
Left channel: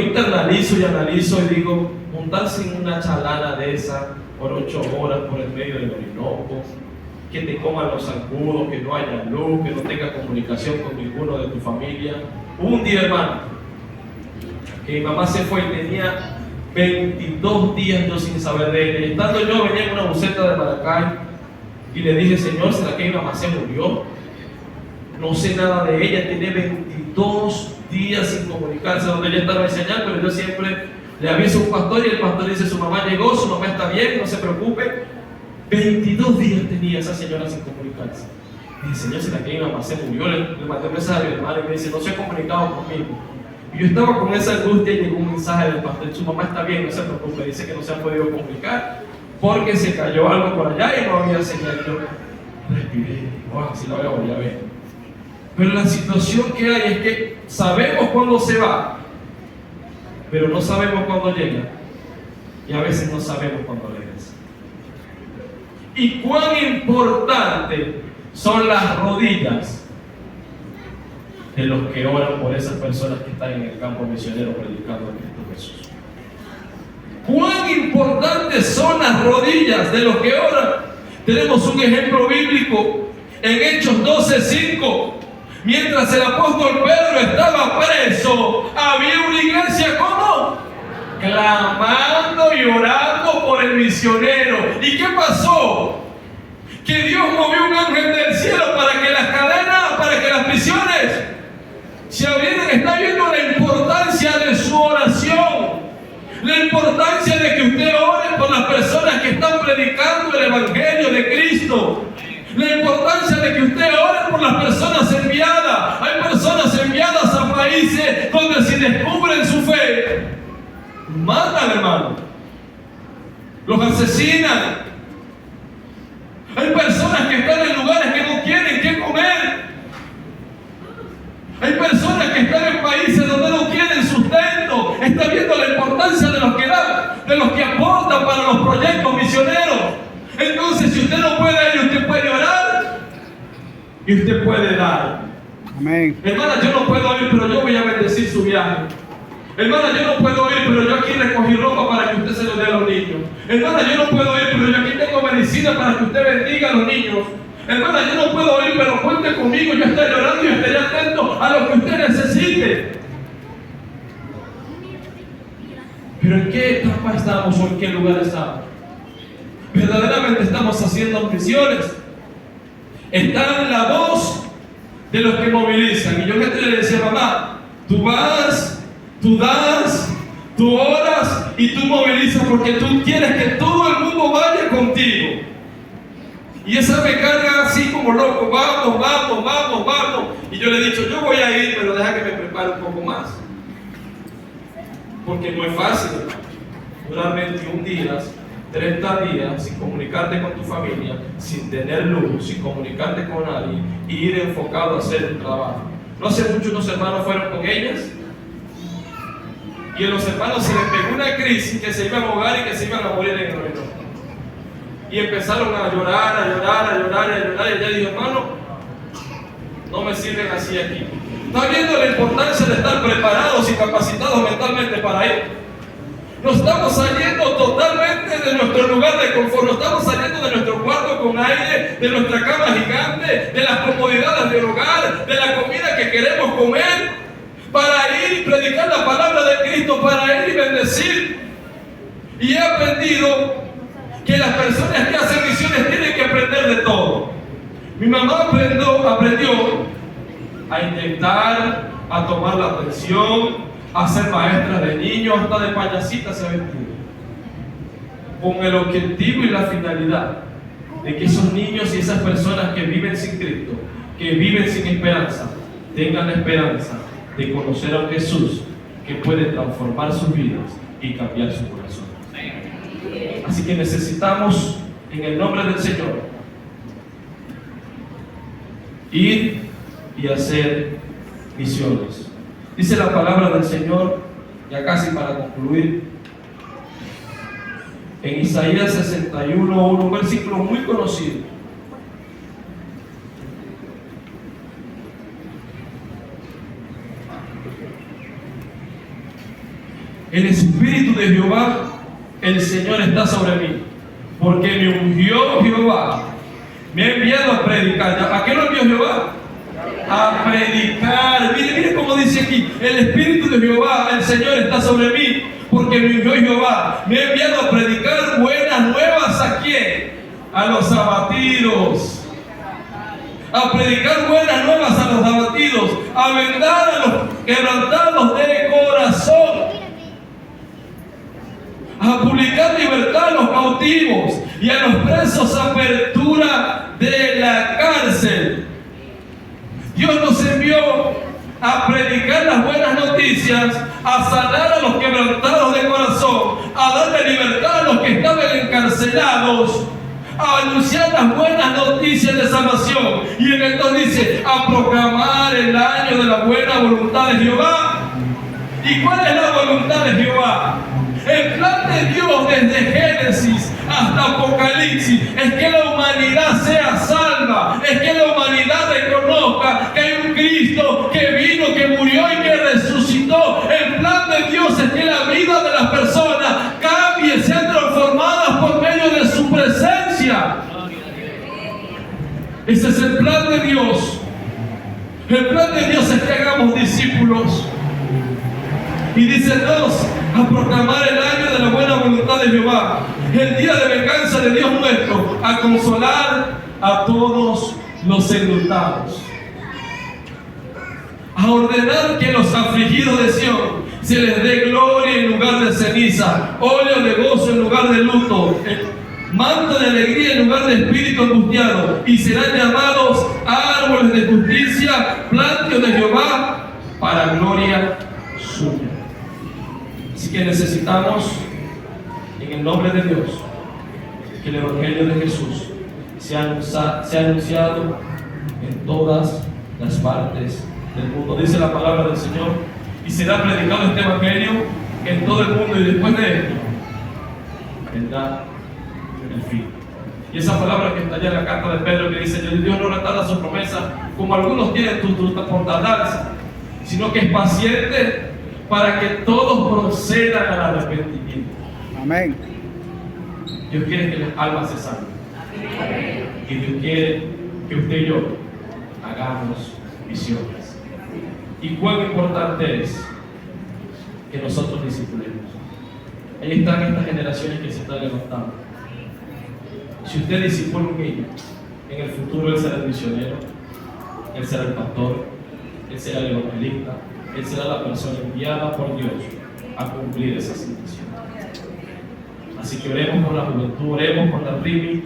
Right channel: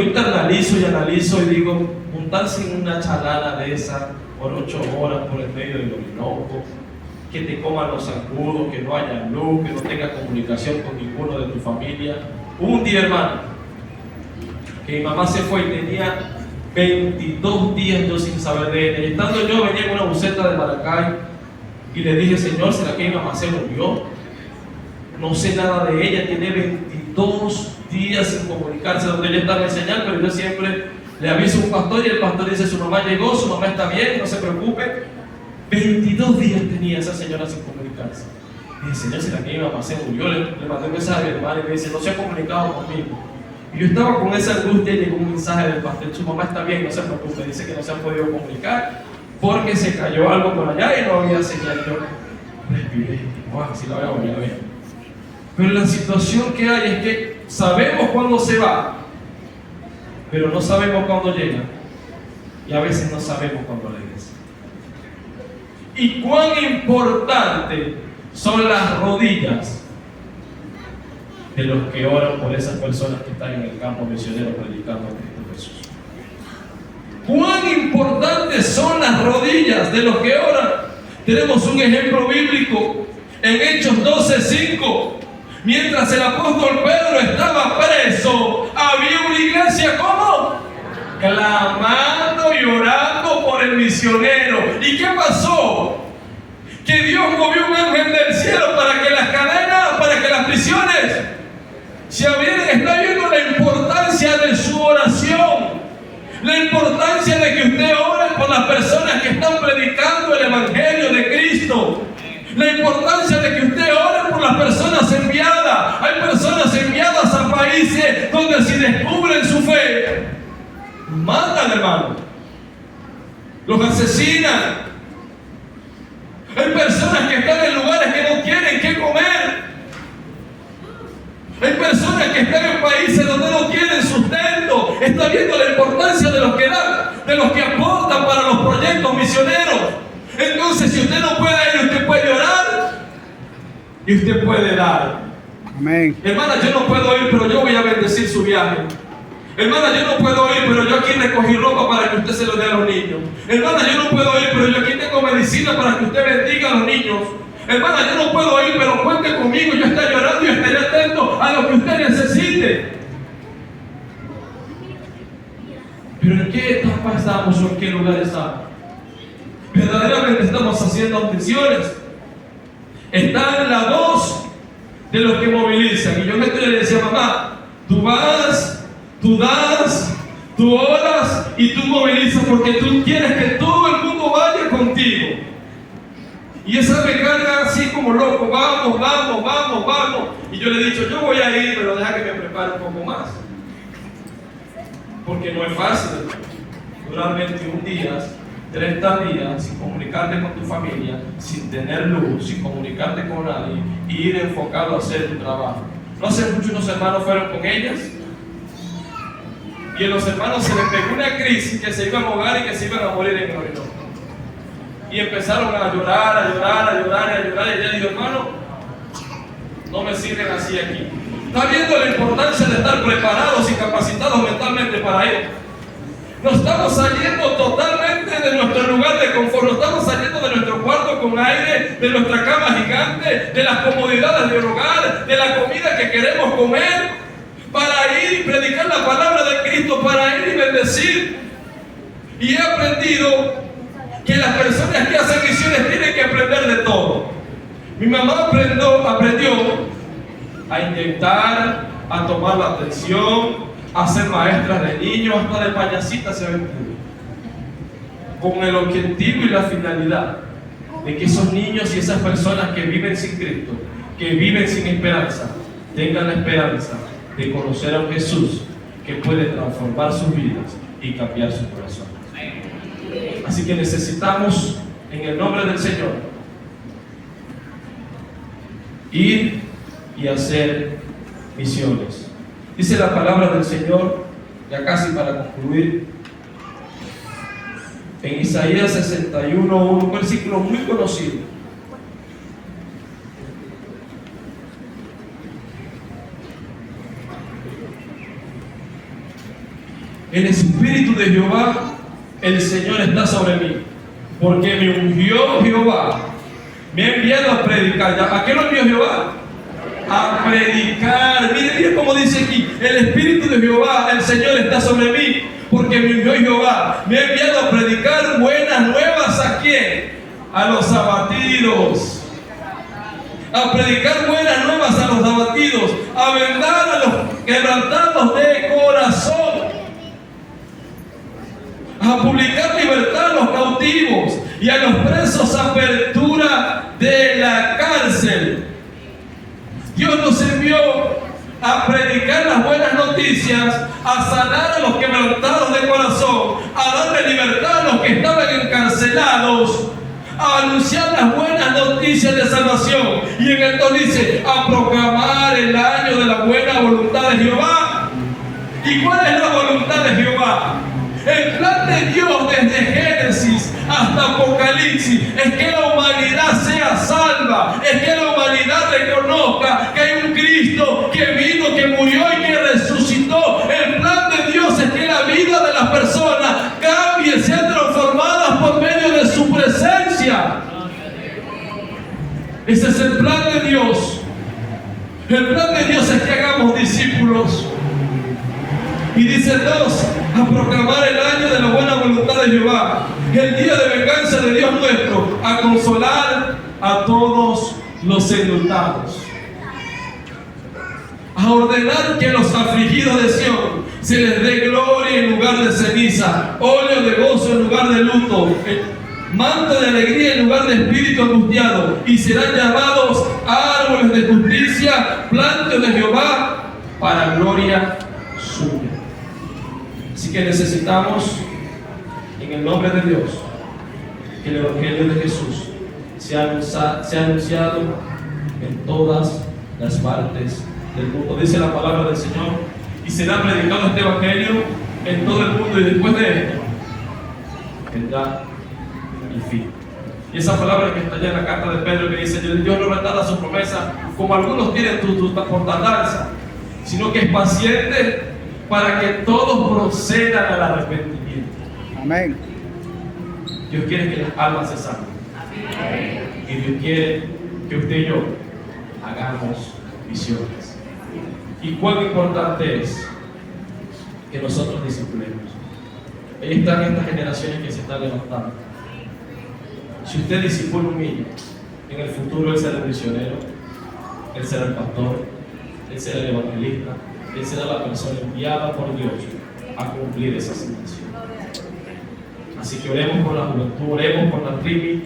internalizo y analizo y digo, montarse en una chalana de esa por 8 horas por el medio del Orinoco, que te coman los zancudos, que no haya luz, que no tenga comunicación con ninguno de tu familia. Hubo un día, hermano, que mi mamá se fue y tenía 22 días yo sin saber de ella. Y estando yo, venía en una buseta de Maracay y le dije, Señor, ¿será que mi mamá se murió? No sé nada de ella, tiene 22 días sin comunicarse, donde ella estaba enseñando, pero yo siempre le aviso a un pastor y el pastor dice, su mamá llegó, su mamá está bien, no se preocupe. 22 días tenía esa señora sin comunicarse. Y dije, Señor, ¿será que mi mamá se murió? Le mandé un mensaje a mi hermano y me dice, no se ha comunicado conmigo. Y yo estaba con esa angustia y llegó un mensaje del pastor, su mamá está bien, no se preocupe, dice que no se han podido comunicar porque se cayó algo por allá y no había señal. Yo respiré, wow, si lo voy a ver. Pero la situación que hay es que sabemos cuándo se va, pero no sabemos cuándo llega. Y a veces no sabemos cuándo regresa. Y cuán importante son las rodillas de los que oran por esas personas que están en el campo misionero predicando a Cristo Jesús. Cuán importantes son las rodillas de los que oran. Tenemos un ejemplo bíblico en Hechos 12:5. Mientras el apóstol Pedro estaba preso, había una iglesia, ¿cómo? Clamando y orando por el misionero. ¿Y qué pasó? Que Dios movió un ángel del cielo para que las cadenas, para que las prisiones se abrieran. Está viendo la importancia de su oración, la importancia de que usted ore por las personas que están predicando el evangelio de Cristo, la importancia de que usted ore por las personas enviadas. Hay personas enviadas a países donde si descubren su fe, matan, hermano, los asesinan. Hay personas que están en lugares que no tienen que comer. Hay personas que están en países donde no tienen sustento. Está viendo la importancia de los que dan, de los que aportan para los proyectos misioneros. Entonces, si usted no puede ir, usted puede orar y usted puede dar. Amén. Hermana, yo no puedo ir, pero yo voy a bendecir su viaje. Hermana, yo no puedo ir, pero yo aquí recogí ropa para que usted se lo dé a los niños. Hermana, yo no puedo ir, pero yo aquí tengo medicina para que usted bendiga a los niños. Hermana, yo no puedo ir, pero cuente conmigo, yo estaré orando y estaré atento a lo que usted necesite. Pero ¿en qué etapa estamos o en qué lugar estamos? Verdaderamente estamos haciendo misiones. Está en la voz de los que movilizan. Y yo le decía, mamá, tú vas, tú das, tú oras y tú movilizas porque tú quieres que todo el mundo vaya contigo. Y esa me carga así como loco, vamos, vamos, vamos, vamos. Y yo le he dicho, yo voy a ir, pero deja que me prepare un poco más. Porque no es fácil, durar 21 días, 30 días sin comunicarte con tu familia, sin tener luz, sin comunicarte con nadie y ir enfocado a hacer tu trabajo. No hace mucho unos hermanos fueron con ellas y a los hermanos se les pegó una crisis que se iban a ahogar y que se iban a morir en el Orinoco. Y empezaron a llorar, a llorar, a llorar, a llorar. Y ella dijo, hermano, no me sirven así aquí. ¿Está viendo la importancia de estar preparados y capacitados mentalmente para ir? Nos estamos saliendo totalmente de nuestro lugar de confort, nos estamos saliendo de nuestro cuarto con aire, de nuestra cama gigante, de las comodidades del hogar, de la comida que queremos comer, para ir y predicar la palabra de Cristo, para ir y bendecir. Y he aprendido que las personas que hacen misiones tienen que aprender de todo. Mi mamá aprendió a intentar, a tomar la atención, a ser maestra de niños, hasta de payasita se ha vestido, con el objetivo y la finalidad de que esos niños y esas personas que viven sin Cristo, que viven sin esperanza, tengan la esperanza de conocer a un Jesús que puede transformar sus vidas y cambiar su corazón. Así que necesitamos, en el nombre del Señor, ir y hacer misiones. Dice la palabra del Señor, ya casi para concluir, en Isaías 61, un versículo muy conocido. el Espíritu de Jehová, el Señor está sobre mí, porque me ungió Jehová, me ha enviado a predicar. ¿A qué lo envió Jehová? A predicar. Miren cómo dice aquí, el Espíritu de Jehová, el Señor está sobre mí, porque me envió Jehová, me ha enviado a predicar buenas nuevas. ¿A quién? A los abatidos. A predicar buenas nuevas a los abatidos, a vendar a los quebrantados de corazón, a publicar libertad a los cautivos y a los presos apertura de la cárcel. Dios nos envió a predicar las buenas noticias, a sanar a los quebrantados de corazón, a darle libertad a los que estaban encarcelados, a anunciar las buenas noticias de salvación. Y en esto dice, a proclamar el año de la buena voluntad de Jehová. ¿Y cuál es la voluntad de Jehová? El plan de Dios desde Génesis hasta Apocalipsis es que la humanidad sea salva, es que la humanidad reconozca que hay un Cristo que vino, que murió y que resucitó. El plan de Dios es que la vida de las personas cambie, sean transformadas por medio de su presencia. Ese es el plan de Dios. El plan de Dios es que hagamos discípulos. Y dice Dios, a proclamar el año de la buena voluntad de Jehová, el día de venganza de Dios nuestro, a consolar a todos los enlutados, a ordenar que los afligidos de Sión se les dé gloria en lugar de ceniza, óleo de gozo en lugar de luto, manto de alegría en lugar de espíritu angustiado, y serán llamados árboles de justicia, plantíos de Jehová, para gloria suya. Así que necesitamos, en el nombre de Dios, que el Evangelio de Jesús sea anunciado en todas las partes del mundo. Dice la palabra del Señor, y será predicado este Evangelio en todo el mundo, y después de esto vendrá el fin. Y esa palabra que está allá en la carta de Pedro, que dice, Dios no retarda su promesa, como algunos tienen por tardanza, sino que es paciente para que todos procedan al arrepentimiento. Amén. Dios quiere que las almas se salven. Y Dios quiere que usted y yo hagamos misiones. Y cuán importante es que nosotros discipulemos. Ahí están estas generaciones que se están levantando. Si usted discipula un niño, en el futuro él será el misionero, él será el pastor, él será el evangelista, él será la persona enviada por Dios a cumplir esa asignación. Así que oremos por la juventud, oremos por la tribu,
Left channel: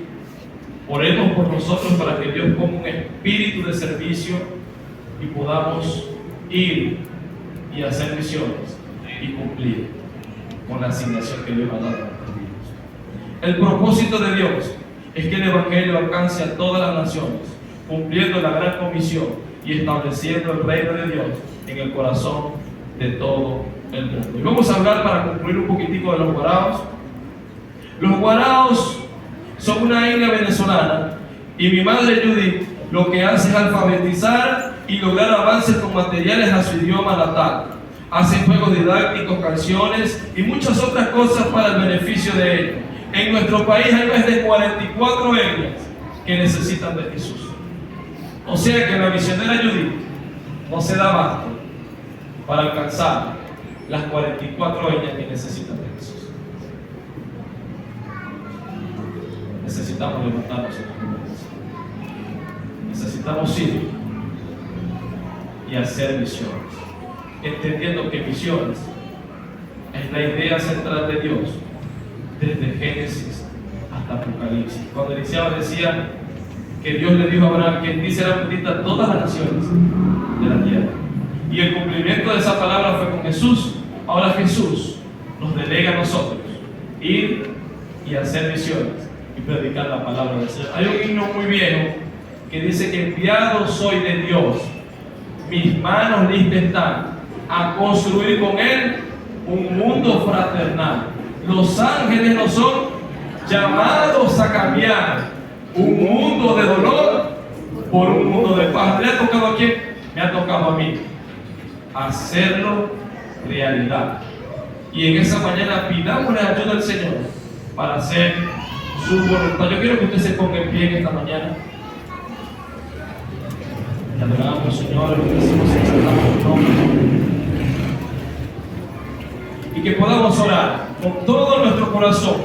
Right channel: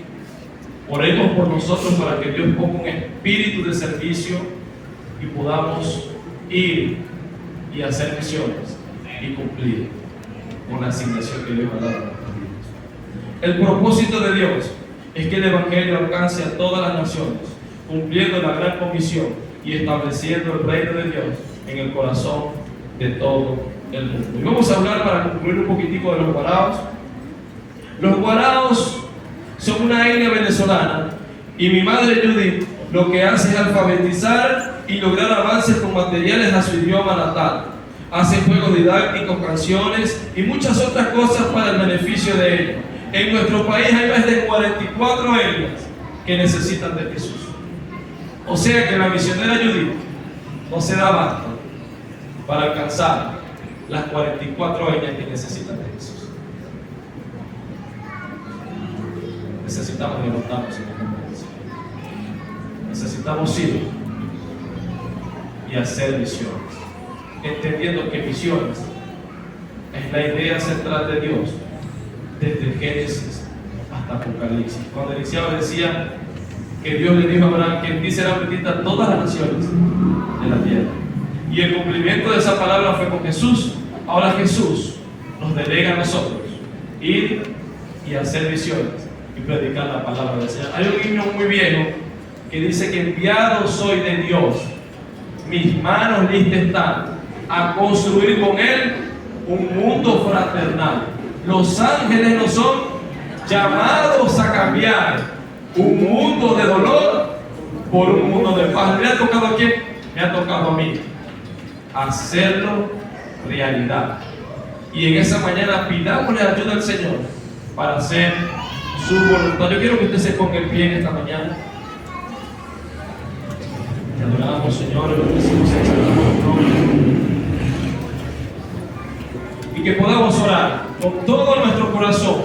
oremos por nosotros para que Dios ponga un espíritu de servicio y podamos ir y hacer misiones y cumplir con la asignación que Dios ha dado a nuestras vidas. El propósito de Dios es que el Evangelio alcance a todas las naciones, cumpliendo la gran comisión y estableciendo el reino de Dios en el corazón de todo el mundo. Y vamos a hablar, para concluir, un poquitico de los guaraos. Los guaraos son una etnia venezolana, y mi madre Judith lo que hace es alfabetizar y lograr avances con materiales a su idioma natal. Hacen juegos didácticos, canciones y muchas otras cosas para el beneficio de ellos. En nuestro país hay más de 44 etnias que necesitan de Jesús. O sea que la misionera Judith no se da abasto para alcanzar las 44 etnias que necesitan de Jesús. Necesitamos levantarnos en la conversación. Necesitamos ir y hacer misiones, entendiendo que misiones es la idea central de Dios desde Génesis hasta Apocalipsis. Cuando iniciaba decía que Dios le dijo a Abraham que en ti serán benditas todas las naciones de la tierra, y el cumplimiento de esa palabra fue con Jesús. Ahora Jesús nos delega a nosotros ir y hacer misiones y predicar la palabra del Señor. Hay un himno muy viejo que dice que enviado soy de Dios, mis manos listas están a construir con Él un mundo fraternal. Los ángeles no son llamados a cambiar un mundo de dolor por un mundo de paz. ¿Le ha tocado a quién? Me ha tocado a mí hacerlo realidad. Y en esa mañana pidámosle ayuda al Señor para hacer su voluntad. Yo quiero que usted se ponga en pie en esta mañana. Te adoramos, Señor, lo bendecimos, exaltamos tu nombre. Y que podamos orar con todo nuestro corazón,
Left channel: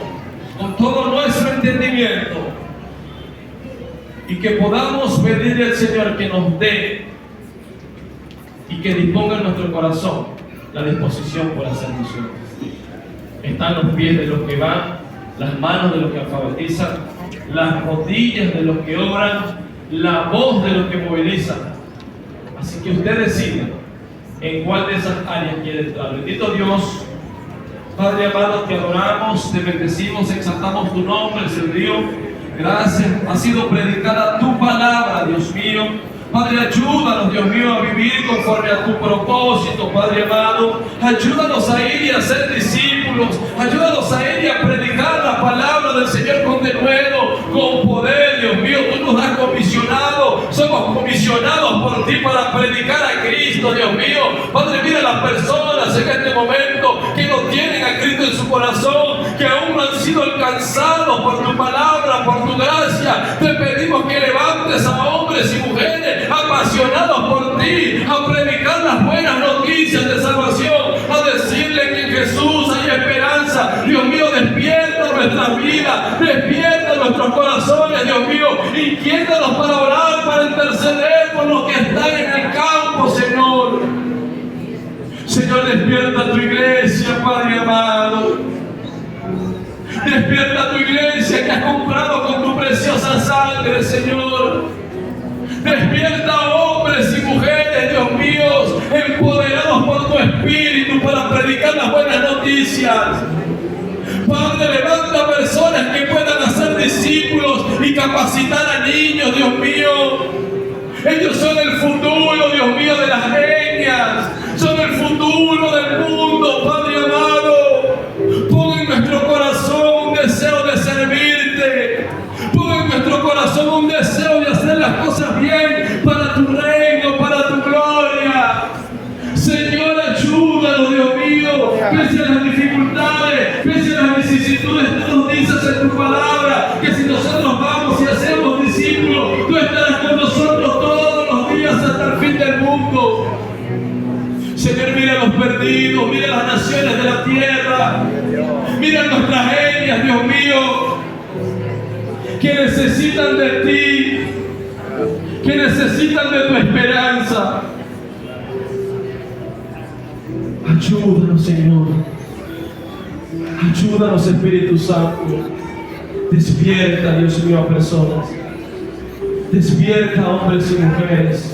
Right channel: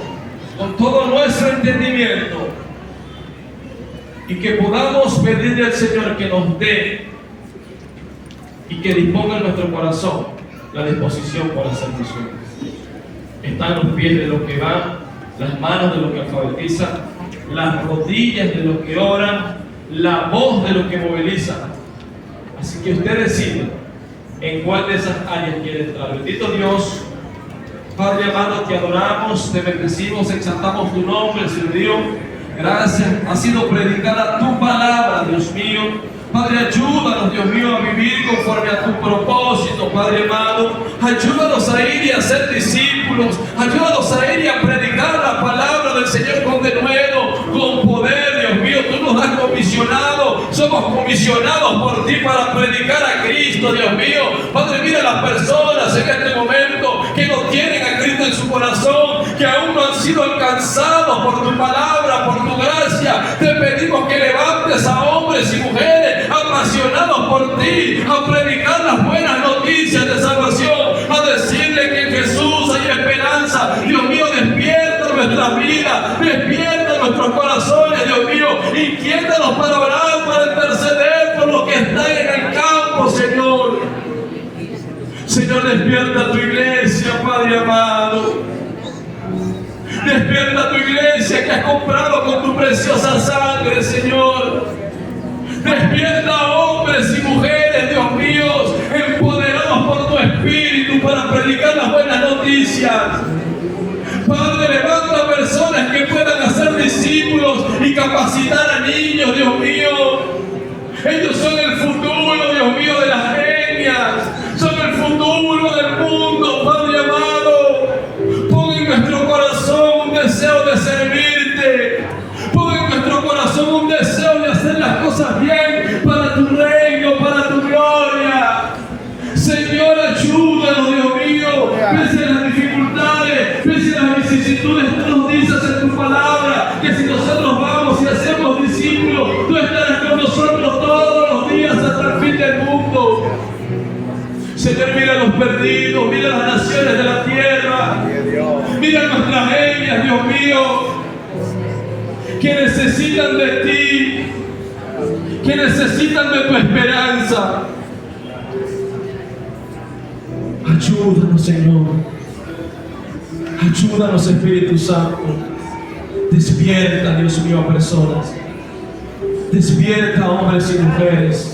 con todo nuestro entendimiento, y que podamos pedirle al Señor que nos dé y que disponga en nuestro corazón la disposición por hacer misiones. Están los pies de los que van, las manos de los que alfabetizan, las rodillas de los que oran, la voz de los que movilizan. Así que usted decida en cuál de esas áreas quiere entrar. Bendito Dios, Padre amado, te adoramos, te bendecimos, exaltamos tu nombre, Señor Dios. Gracias, ha sido predicada tu palabra, Dios mío. Padre, ayúdanos, Dios mío, a vivir conforme a tu propósito, Padre amado. Ayúdanos a ir y a ser discípulos. Ayúdanos a ir y a predicar la palabra del Señor con denuedo, con poder, Dios mío. Tú nos has comisionado. Somos comisionados por ti para predicar a Cristo, Dios mío. Padre, mira a las personas en este momento que no tienen a Cristo en su corazón, que aún no han sido alcanzados por tu palabra, por tu gracia. Te pedimos que levantes a hombres y mujeres apasionados por ti, a predicar las buenas noticias de salvación, a decirle que en Jesús hay esperanza. Dios mío, despierta nuestras vidas, despierta nuestros corazones, Dios mío, inquiétanos para orar, para interceder por los que están en el campo, Señor. Señor, despierta tu iglesia, Padre amado. Despierta tu iglesia que has comprado con tu preciosa sangre, Señor. Despierta hombres y mujeres, Dios mío, empoderados por tu Espíritu para predicar las buenas noticias. Padre, levanta personas que puedan hacer discípulos y capacitar a niños, Dios mío. Ellos son el futuro, Dios mío, de las etnias. Son el futuro del mundo, Padre amado. Pon en nuestro corazón un deseo de servirte. Pon en nuestro corazón un deseo de hacer las cosas bien para tu reino, para tu gloria. Señor, ayúdanos, Dios mío, pese a las dificultades, pese a las vicisitudes. Tú nos dices en tu palabra que si nosotros vamos y hacemos discípulos, tú estarás con nosotros todos los días hasta el fin del mundo. Señor, mira a los perdidos, mira a las naciones de la tierra, mira a nuestras etnias, Dios mío, que necesitan de ti, que necesitan de tu esperanza. Ayúdanos, Señor. Ayúdanos, Espíritu Santo. Despierta, Dios mío, a personas. Despierta a hombres y mujeres.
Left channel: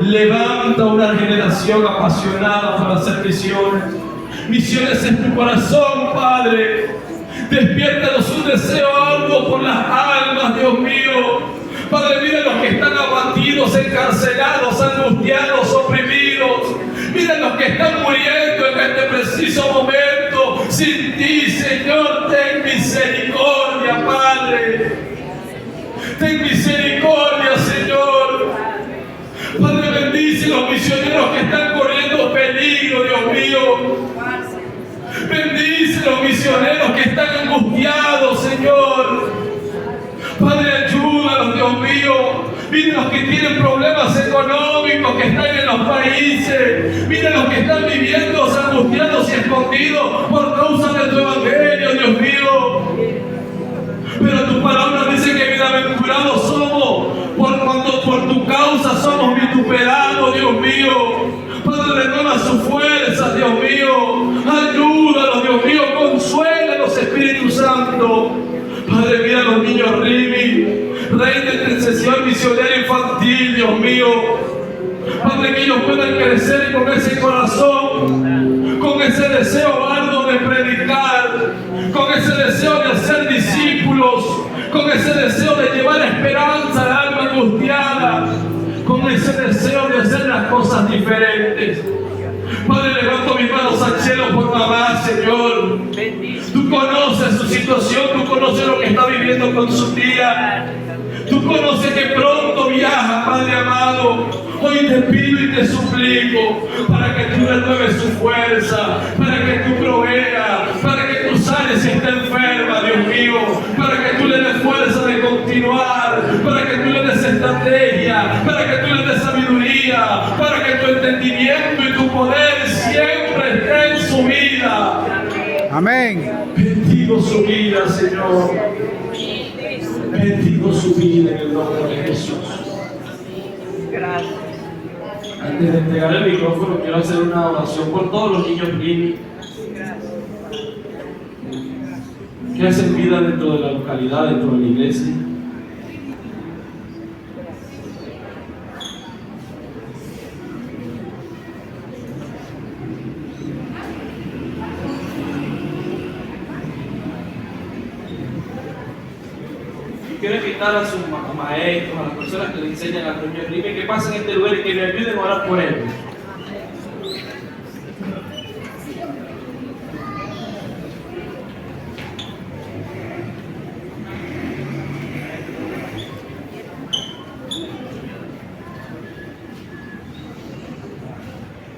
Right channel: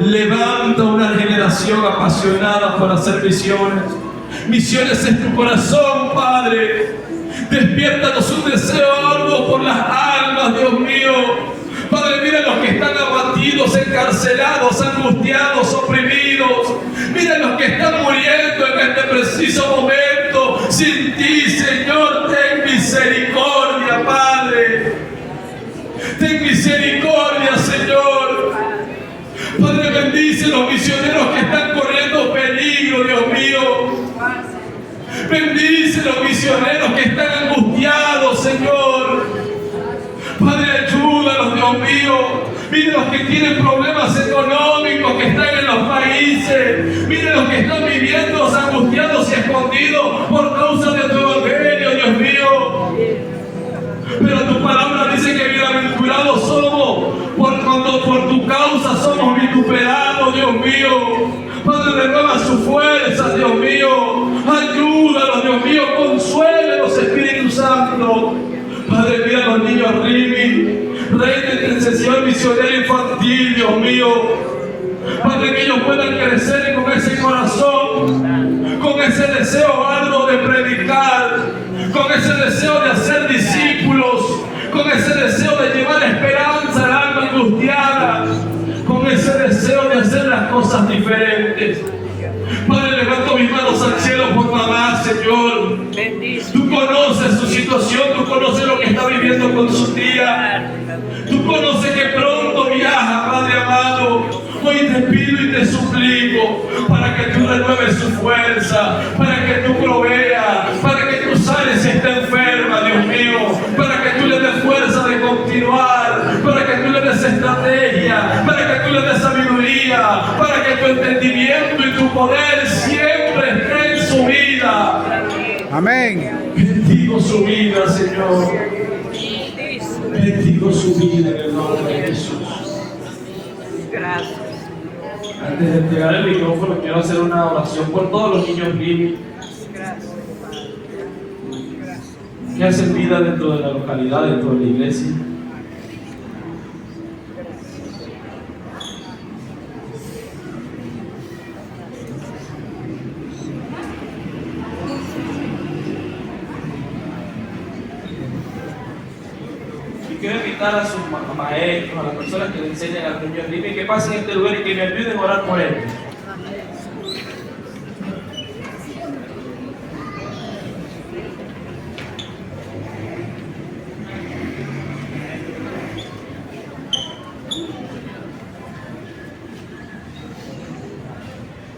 Levanta una generación apasionada por hacer misiones. Misiones en tu corazón, Padre. Despiértanos un deseo algo por las almas, Dios mío. Padre, mira a los que están abatidos, encarcelados, angustiados, oprimidos. Mira a los que están muriendo en este preciso momento. Sin ti, Señor, ten misericordia, Padre. Ten misericordia, Señor. Padre, bendice los misioneros que están corriendo peligro, Dios mío. Bendice los misioneros que están angustiados, Señor. Padre, ayúdalos, Dios mío. Mira los que tienen problemas económicos, que están en los países. Mira los que están viviendo angustiados y escondidos por causa de tu evangelio, Dios mío. Pero tu palabra dice que bienaventurados somos cuando por tu causa somos vituperados, Dios mío. Padre, renueva sus fuerzas, Dios mío. Ayúdalos, Dios mío. Consuélalos, Espíritu Santo. Padre, mira a los niños Rimi, Rey de intercesión misionera infantil, Dios mío. Padre, que ellos puedan crecer con ese corazón, con ese deseo arduo de predicar, con ese deseo de hacer discípulos, con ese deseo de llevar esperanza al alma angustiada, con ese deseo de hacer las cosas diferentes. Padre, levanto mis manos al cielo por mamá, Señor. Tú conoces su situación, tú conoces lo que está viviendo con su tía. Tú conoces que pronto viaja, Padre amado. Hoy te pido y te suplico para que tú renueves su fuerza, para que tú proveas, para que tú sanes si está enferma, Dios mío, para que tú le des fuerza de continuar, para que tú le des estrategia, para que tú le des sabiduría, para que tu entendimiento y tu poder siempre esté en su vida. Amén. Bendigo su vida, Señor. Bendigo su vida en el nombre de Jesús. Gracias. Antes de entregar el micrófono, quiero hacer una oración por todos los niños Rini que hacen vida dentro de la localidad, dentro de la iglesia. Quiero invitar a sus maestros, a las personas que le enseñan a los niños Rini, que pasen este lugar y que me ayuden a orar por ellos.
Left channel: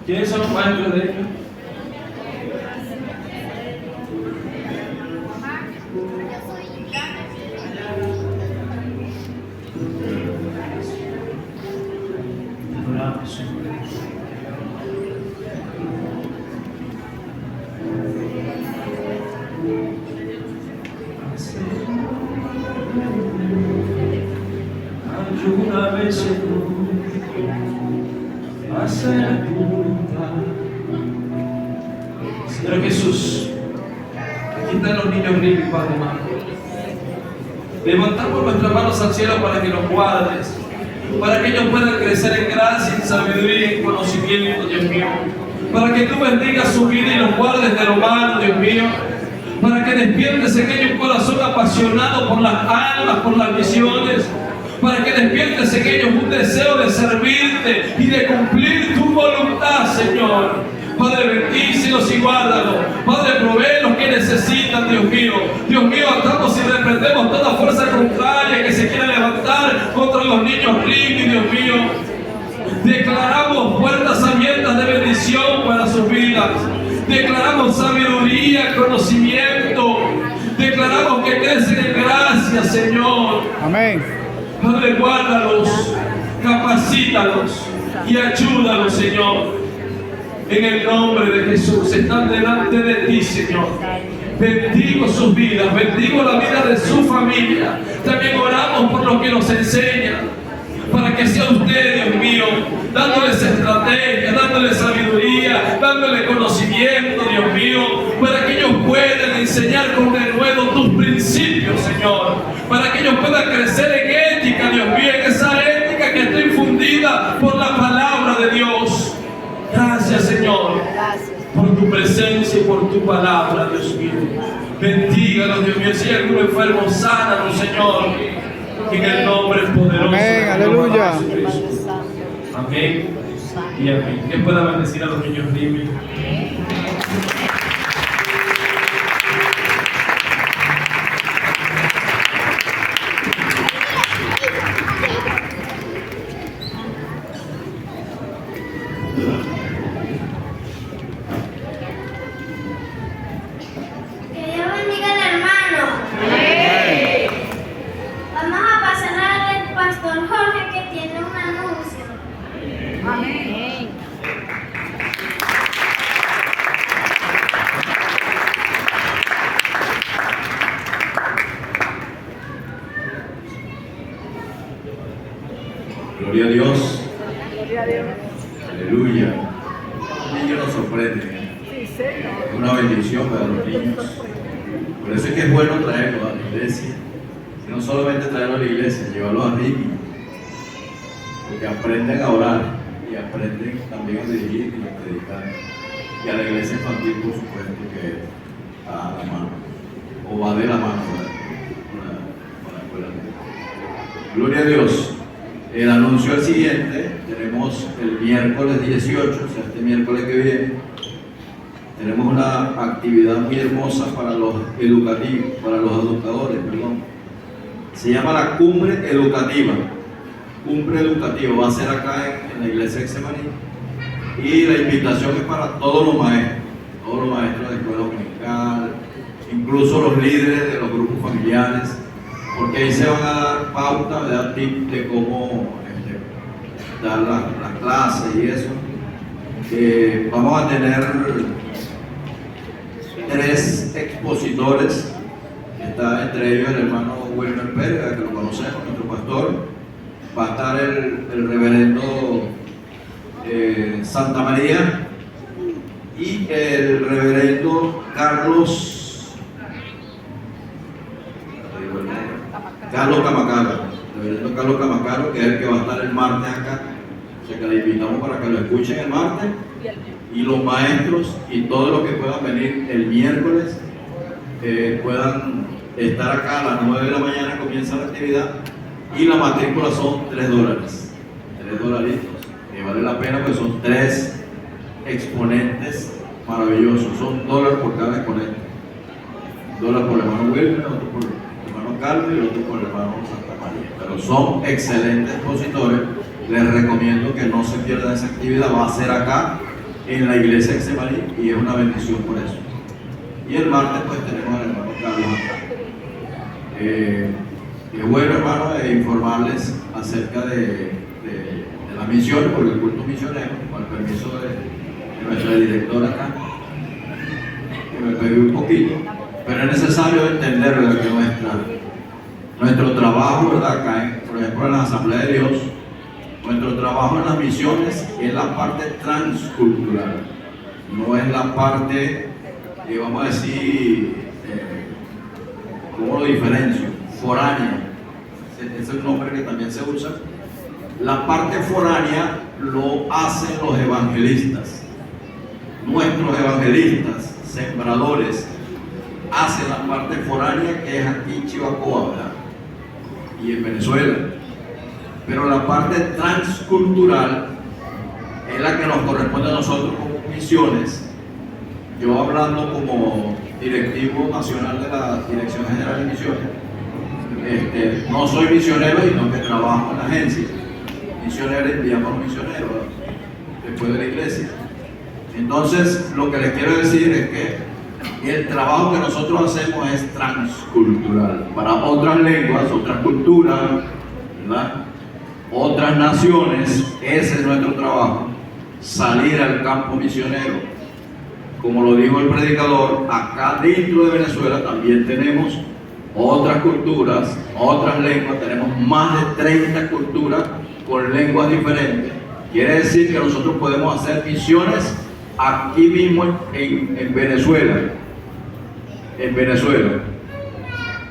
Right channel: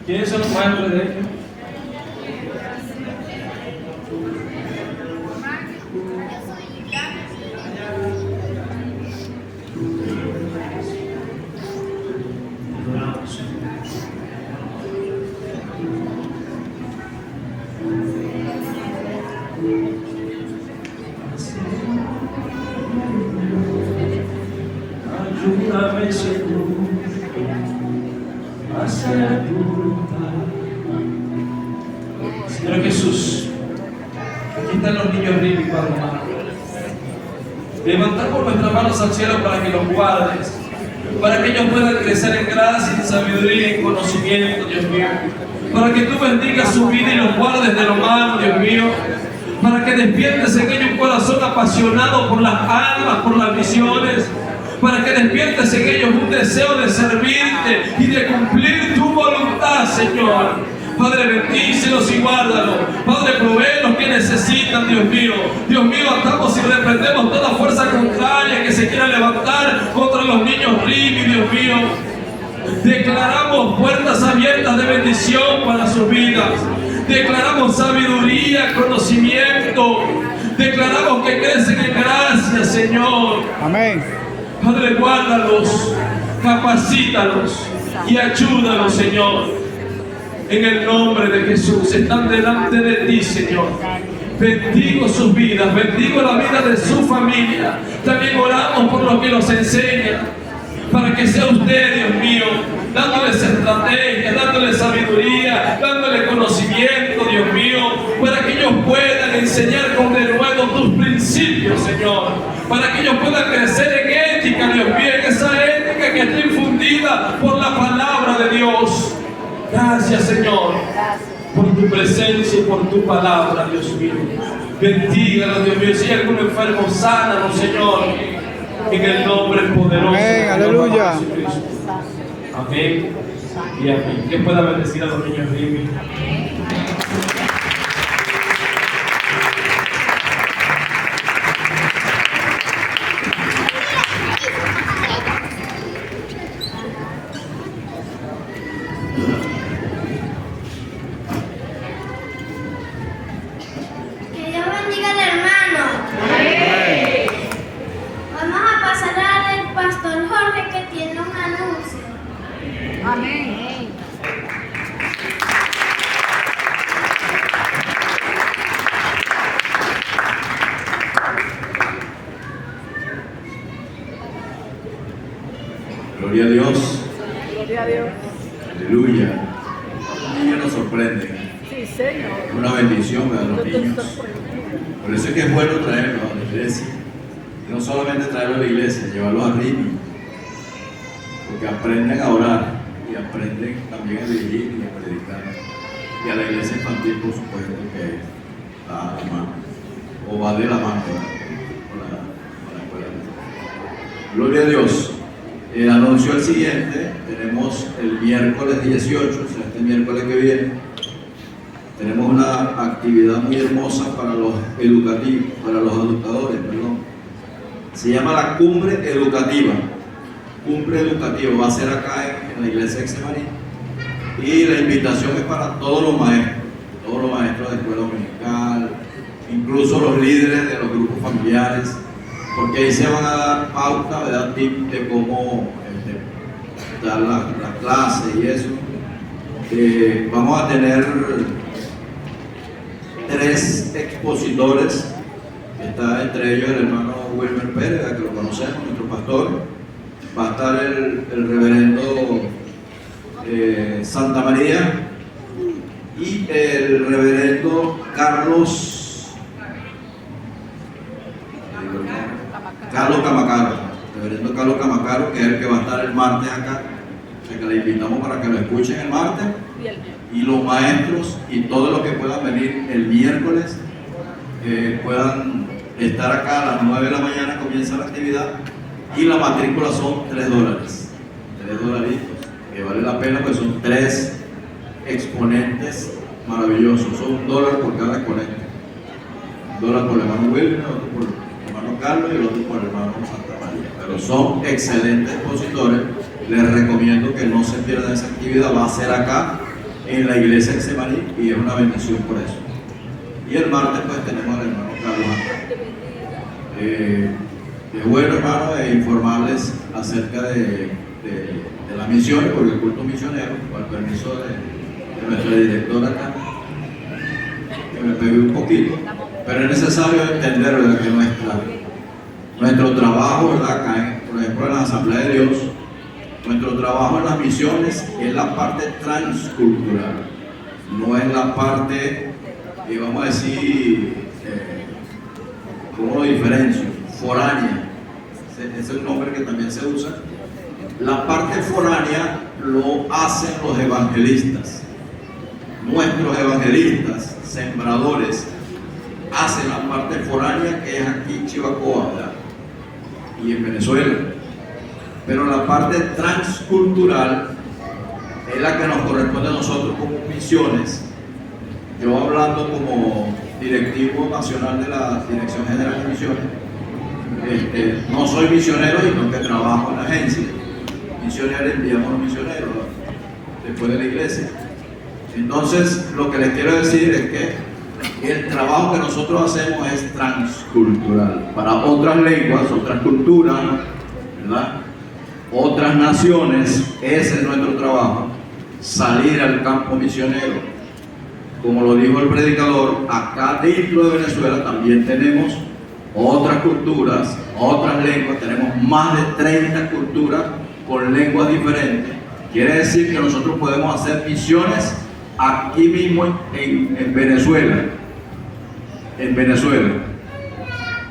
¿Quiénes son los maestros de ellos? Ayúdame, Señor, a hacer tu voluntad. Señor Jesús, aquí están los niños Rini, Padre amado. Levantamos nuestras manos al cielo para que los guardes, para que ellos puedan crecer en gracia, en sabiduría y en conocimiento, Dios mío. Para que tú bendigas su vida y los guardes de lo malo, Dios mío. Para que despiertes en ellos un corazón apasionado por las almas, por las misiones. Para que despiertes en ellos un deseo de servirte y de cumplir tu voluntad, Señor. Padre, bendícelos y guárdalos. Padre, provee los que necesitan, Dios mío. Dios mío, atamos y reprendemos toda fuerza contraria que se quiera levantar contra los niños Rini, Dios mío. Declaramos puertas abiertas de bendición para sus vidas. Declaramos sabiduría, conocimiento. Declaramos que crecen en gracia, Señor. Amén. Padre, guárdalos, capacítalos y ayúdalos, Señor. En el nombre de Jesús, están delante de ti, Señor. Bendigo sus vidas, bendigo la vida de su familia. También oramos por los que nos enseñan, para que sea usted, Dios mío, dándoles estrategia, dándoles sabiduría, dándoles conocimiento, Dios mío, para que ellos puedan enseñar con denuedo tus principios, Señor, para que ellos puedan crecer en ética, Dios mío, en esa ética que está infundida por la palabra de Dios. Gracias, Señor, por tu presencia y por tu palabra, Dios mío. Bendíganos, Dios mío. Si hay algún enfermo, sánanos, Señor, en el nombre poderoso. Amén, aleluya. Amén y amén. Que pueda bendecir a los niños Rini. Que Dios bendiga al hermano. Vamos a pasar al pastor Jorge que tiene un anuncio. Amén. Gloria a Dios. Gloria a Dios. Aleluya. Los niños nos sorprenden. Sí, Señor. Una bendición para los niños. Por eso es que es bueno traerlos a la iglesia. Y no solamente traerlos a la iglesia, llevarlos a Rini. Porque aprenden a orar y aprenden también a dirigir y a predicar. Y a la iglesia infantil, por supuesto, que está a la mano. O va de la mano, ¿verdad? Con la escuela. Gloria a Dios. El anuncio al siguiente, tenemos el miércoles 18, o sea, este miércoles que viene, tenemos una actividad muy hermosa para los educativos, para los educadores, perdón. Se llama la Cumbre Educativa. Cumbre Educativa va a ser acá en la iglesia de Exemaní. Y la invitación es para todos los maestros de escuela dominical, incluso los líderes de los grupos familiares, porque ahí se van a dar pauta, ¿verdad? Tips de cómo dar la clase y eso. Vamos a tener 3 expositores, está entre ellos el hermano Wilmer Pérez, que lo conocemos, nuestro pastor. Va a estar el reverendo Santa María y el reverendo Carlos Camacaro, reverendo Carlos Camacaro, que es el que va a estar el martes acá. O sea que le invitamos para que lo escuchen el martes, y los maestros y todos los que puedan venir el miércoles puedan estar acá a las 9 de la mañana. Comienza la actividad y la matrícula son $3, $3, que vale la pena, porque son 3 exponentes maravillosos. Son $1 por cada exponente, $1 por el hermano Wilmer, otro por el hermano Carlos y el otro por el hermano Santa María. Pero son excelentes expositores. Les recomiendo que no se pierdan esa actividad. Va a ser acá en la iglesia de Exemaní y es una bendición por eso. Y el martes pues tenemos al hermano Carlos acá. Es bueno, hermano, informarles acerca de las misiones, porque el culto misionero, con el permiso de nuestra directora acá, que me pegué un poquito, pero es necesario entender, ¿verdad?, que nuestro trabajo, ¿verdad?, acá, por ejemplo, en la Asamblea de Dios, nuestro trabajo en las misiones es la parte transcultural, no es la parte, vamos a decir, ¿cómo lo diferencio? Foránea. Ese es un nombre que también se usa. La parte foránea lo hacen los evangelistas. Nuestros evangelistas, sembradores, hacen la parte foránea, que es aquí en Chivacoa, ¿verdad?, y en Venezuela. Pero la parte transcultural es la que nos corresponde a nosotros como misiones. Yo, hablando como directivo nacional de la Dirección General de Misiones, no soy misionero, sino que trabajo en la agencia. Misioneros, enviamos a los misioneros después de la iglesia. Entonces, lo que les quiero decir es que el trabajo que nosotros hacemos es transcultural, para otras lenguas, otras culturas, ¿verdad?, otras naciones. Ese es nuestro trabajo, salir al campo misionero. Como lo dijo el predicador, acá dentro de Venezuela también tenemos otras culturas, otras lenguas. Tenemos más de 30 culturas con lenguas diferentes. Quiere decir que nosotros podemos hacer misiones aquí mismo en Venezuela. En Venezuela.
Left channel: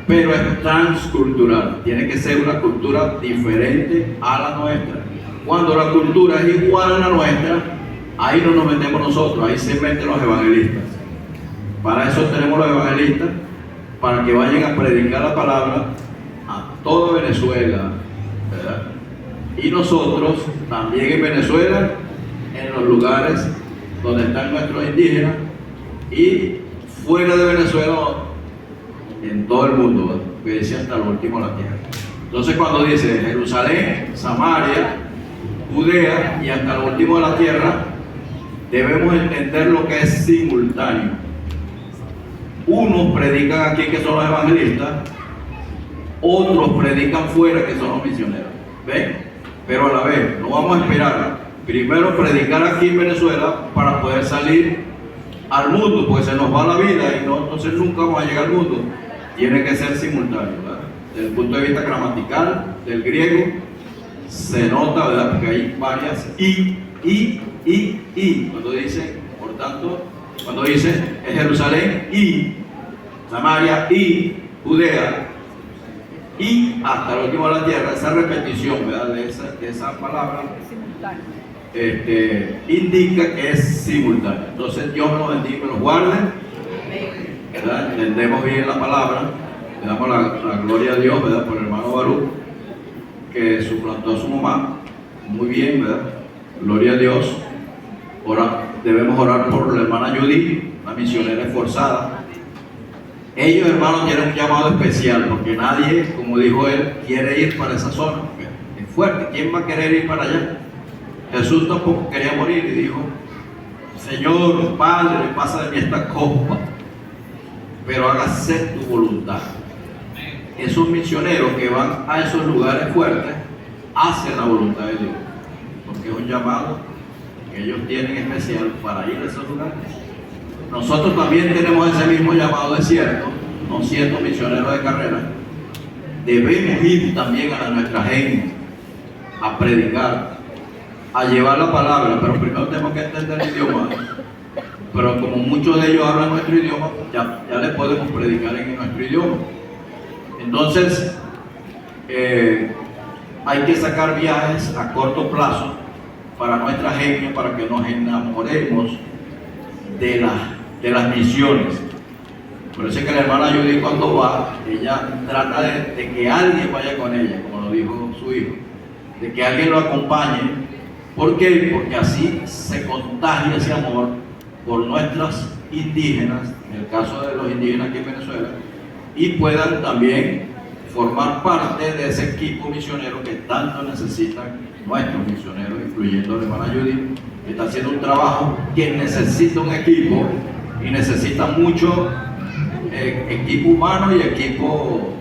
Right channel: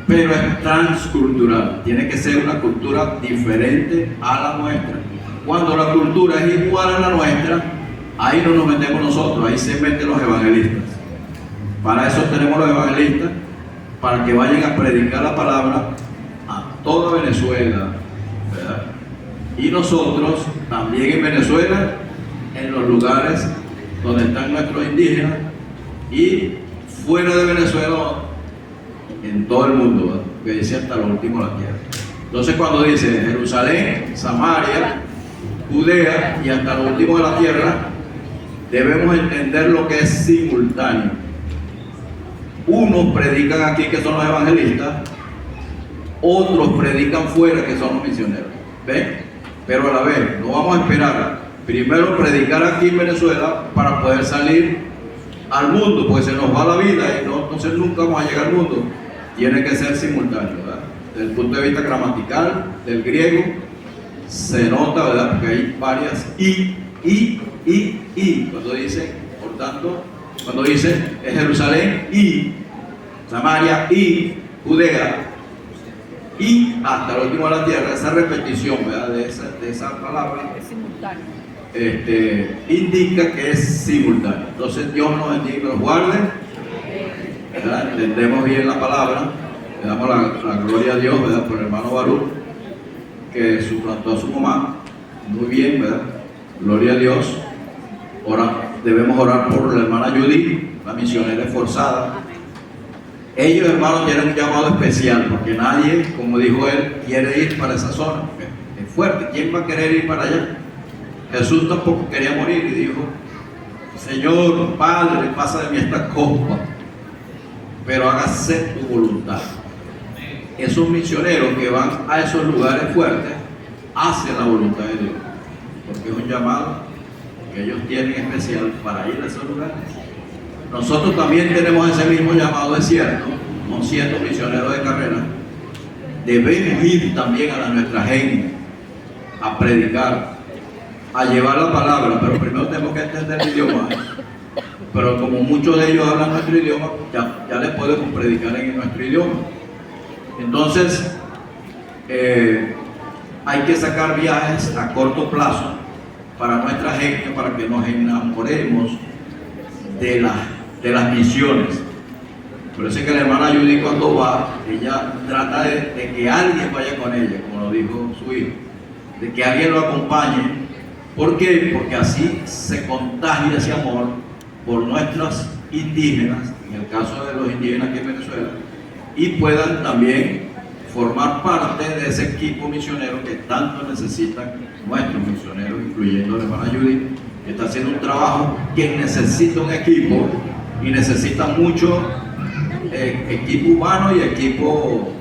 Pero es transcultural. Tiene que ser una cultura diferente a la nuestra. Cuando la cultura es igual a la nuestra, ahí no nos metemos nosotros, ahí se meten los evangelistas. Para eso tenemos los evangelistas, para que vayan a predicar la palabra a toda Venezuela, ¿verdad? Y nosotros también en Venezuela, en los lugares donde están nuestros indígenas, y fuera de Venezuela, en todo el mundo, ¿verdad?, que dice hasta lo último de la tierra. Entonces, cuando dice Jerusalén, Samaria, Judea y hasta lo último de la tierra, debemos entender lo que es simultáneo. Unos predican aquí, que son los evangelistas, otros predican fuera, que son los misioneros. ¿Ven? Pero a la vez, no vamos a esperar primero predicar aquí en Venezuela para poder salir al mundo, porque se nos va la vida y no, entonces nunca vamos a llegar al mundo. Tiene que ser simultáneo, ¿verdad? Desde el punto de vista gramatical del griego, se nota, ¿verdad?, porque hay varias y. Cuando dicen, por tanto, cuando dicen es Jerusalén y Samaria y Judea y hasta el último de la tierra, esa repetición, ¿verdad?, de esa palabra indica que es simultáneo. Entonces, Dios nos bendiga y nos guarde, ¿verdad? Entendemos bien la palabra, le damos la gloria a Dios, ¿verdad?, por el hermano Baruch, que suplantó a su mamá muy bien, ¿verdad? Gloria a Dios. Debemos orar por la hermana Judy, una misionera esforzada. Ellos, hermanos, tienen un llamado especial, porque nadie, como dijo él, quiere ir para esa zona. Es fuerte, ¿quién va a querer ir para allá? Jesús tampoco quería morir y dijo: Señor, Padre, pasa de mí esta copa, pero hágase tu voluntad. Esos misioneros que van a esos lugares fuertes hacen la voluntad de Dios, porque es un llamado que ellos tienen especial para ir a esos lugares. Nosotros también tenemos ese mismo llamado, es cierto, no siendo misioneros de carrera. Debemos ir también a nuestra gente a predicar, a llevar la palabra, pero primero tenemos que entender el idioma. Pero como muchos de ellos hablan nuestro idioma, ya les podemos predicar en nuestro idioma. Entonces, hay que sacar viajes a corto plazo para nuestra gente, para que nos enamoremos de las misiones. Por eso es que la hermana Judy, cuando va, ella trata de que alguien vaya con ella, como lo dijo su hijo, de que alguien lo acompañe. ¿Por qué? Porque así se contagia ese amor por nuestras indígenas, en el caso de los indígenas aquí en Venezuela, y puedan también formar parte de ese equipo misionero que tanto necesitan nuestros misioneros, incluyendo la hermana Judy, que está haciendo un trabajo que necesita un equipo y necesita mucho equipo humano y equipo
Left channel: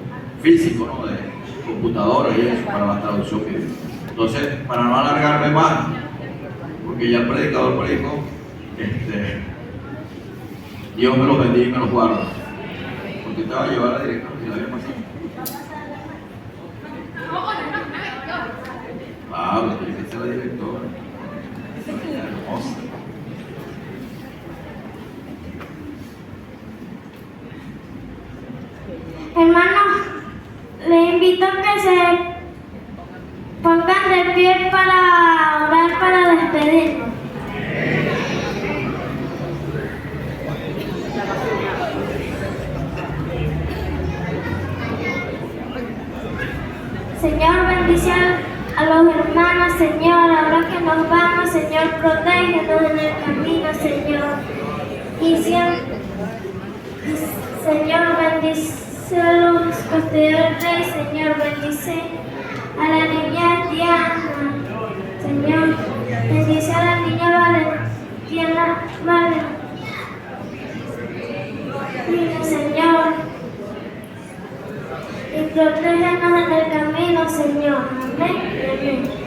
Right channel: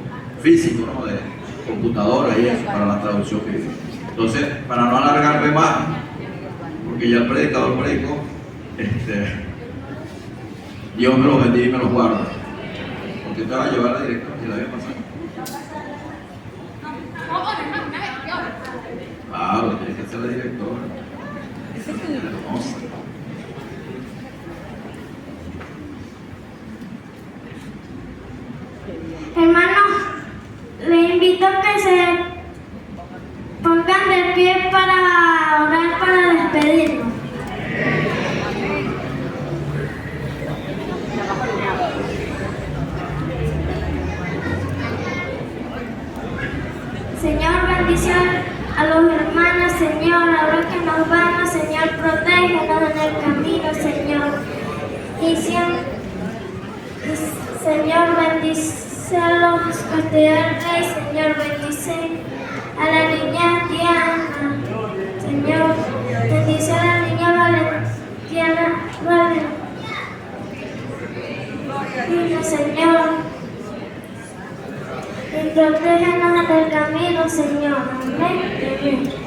físico, ¿no? De computadoras y eso, para la traducción bíblica. Entonces, para no alargarme más, porque ya el predicador predicó, Dios me los bendiga y me los guarda. Porque te va a llevar a la dirección y la vez pasada. Claro, tiene que ser la directora. Hermosa. Hermanos, les invito a que se pongan de pie para orar, para despedirnos. Señor, bendición a los hermanos, Señor, ahora que nos vamos, Señor, protégenos en el camino, Señor. Y siempre, Señor, bendice a los estudiantes, Señor, bendice a la niña Diana, Señor, bendice a la niña Valentina, Señor, y protégenos en el camino, Señor. Amén.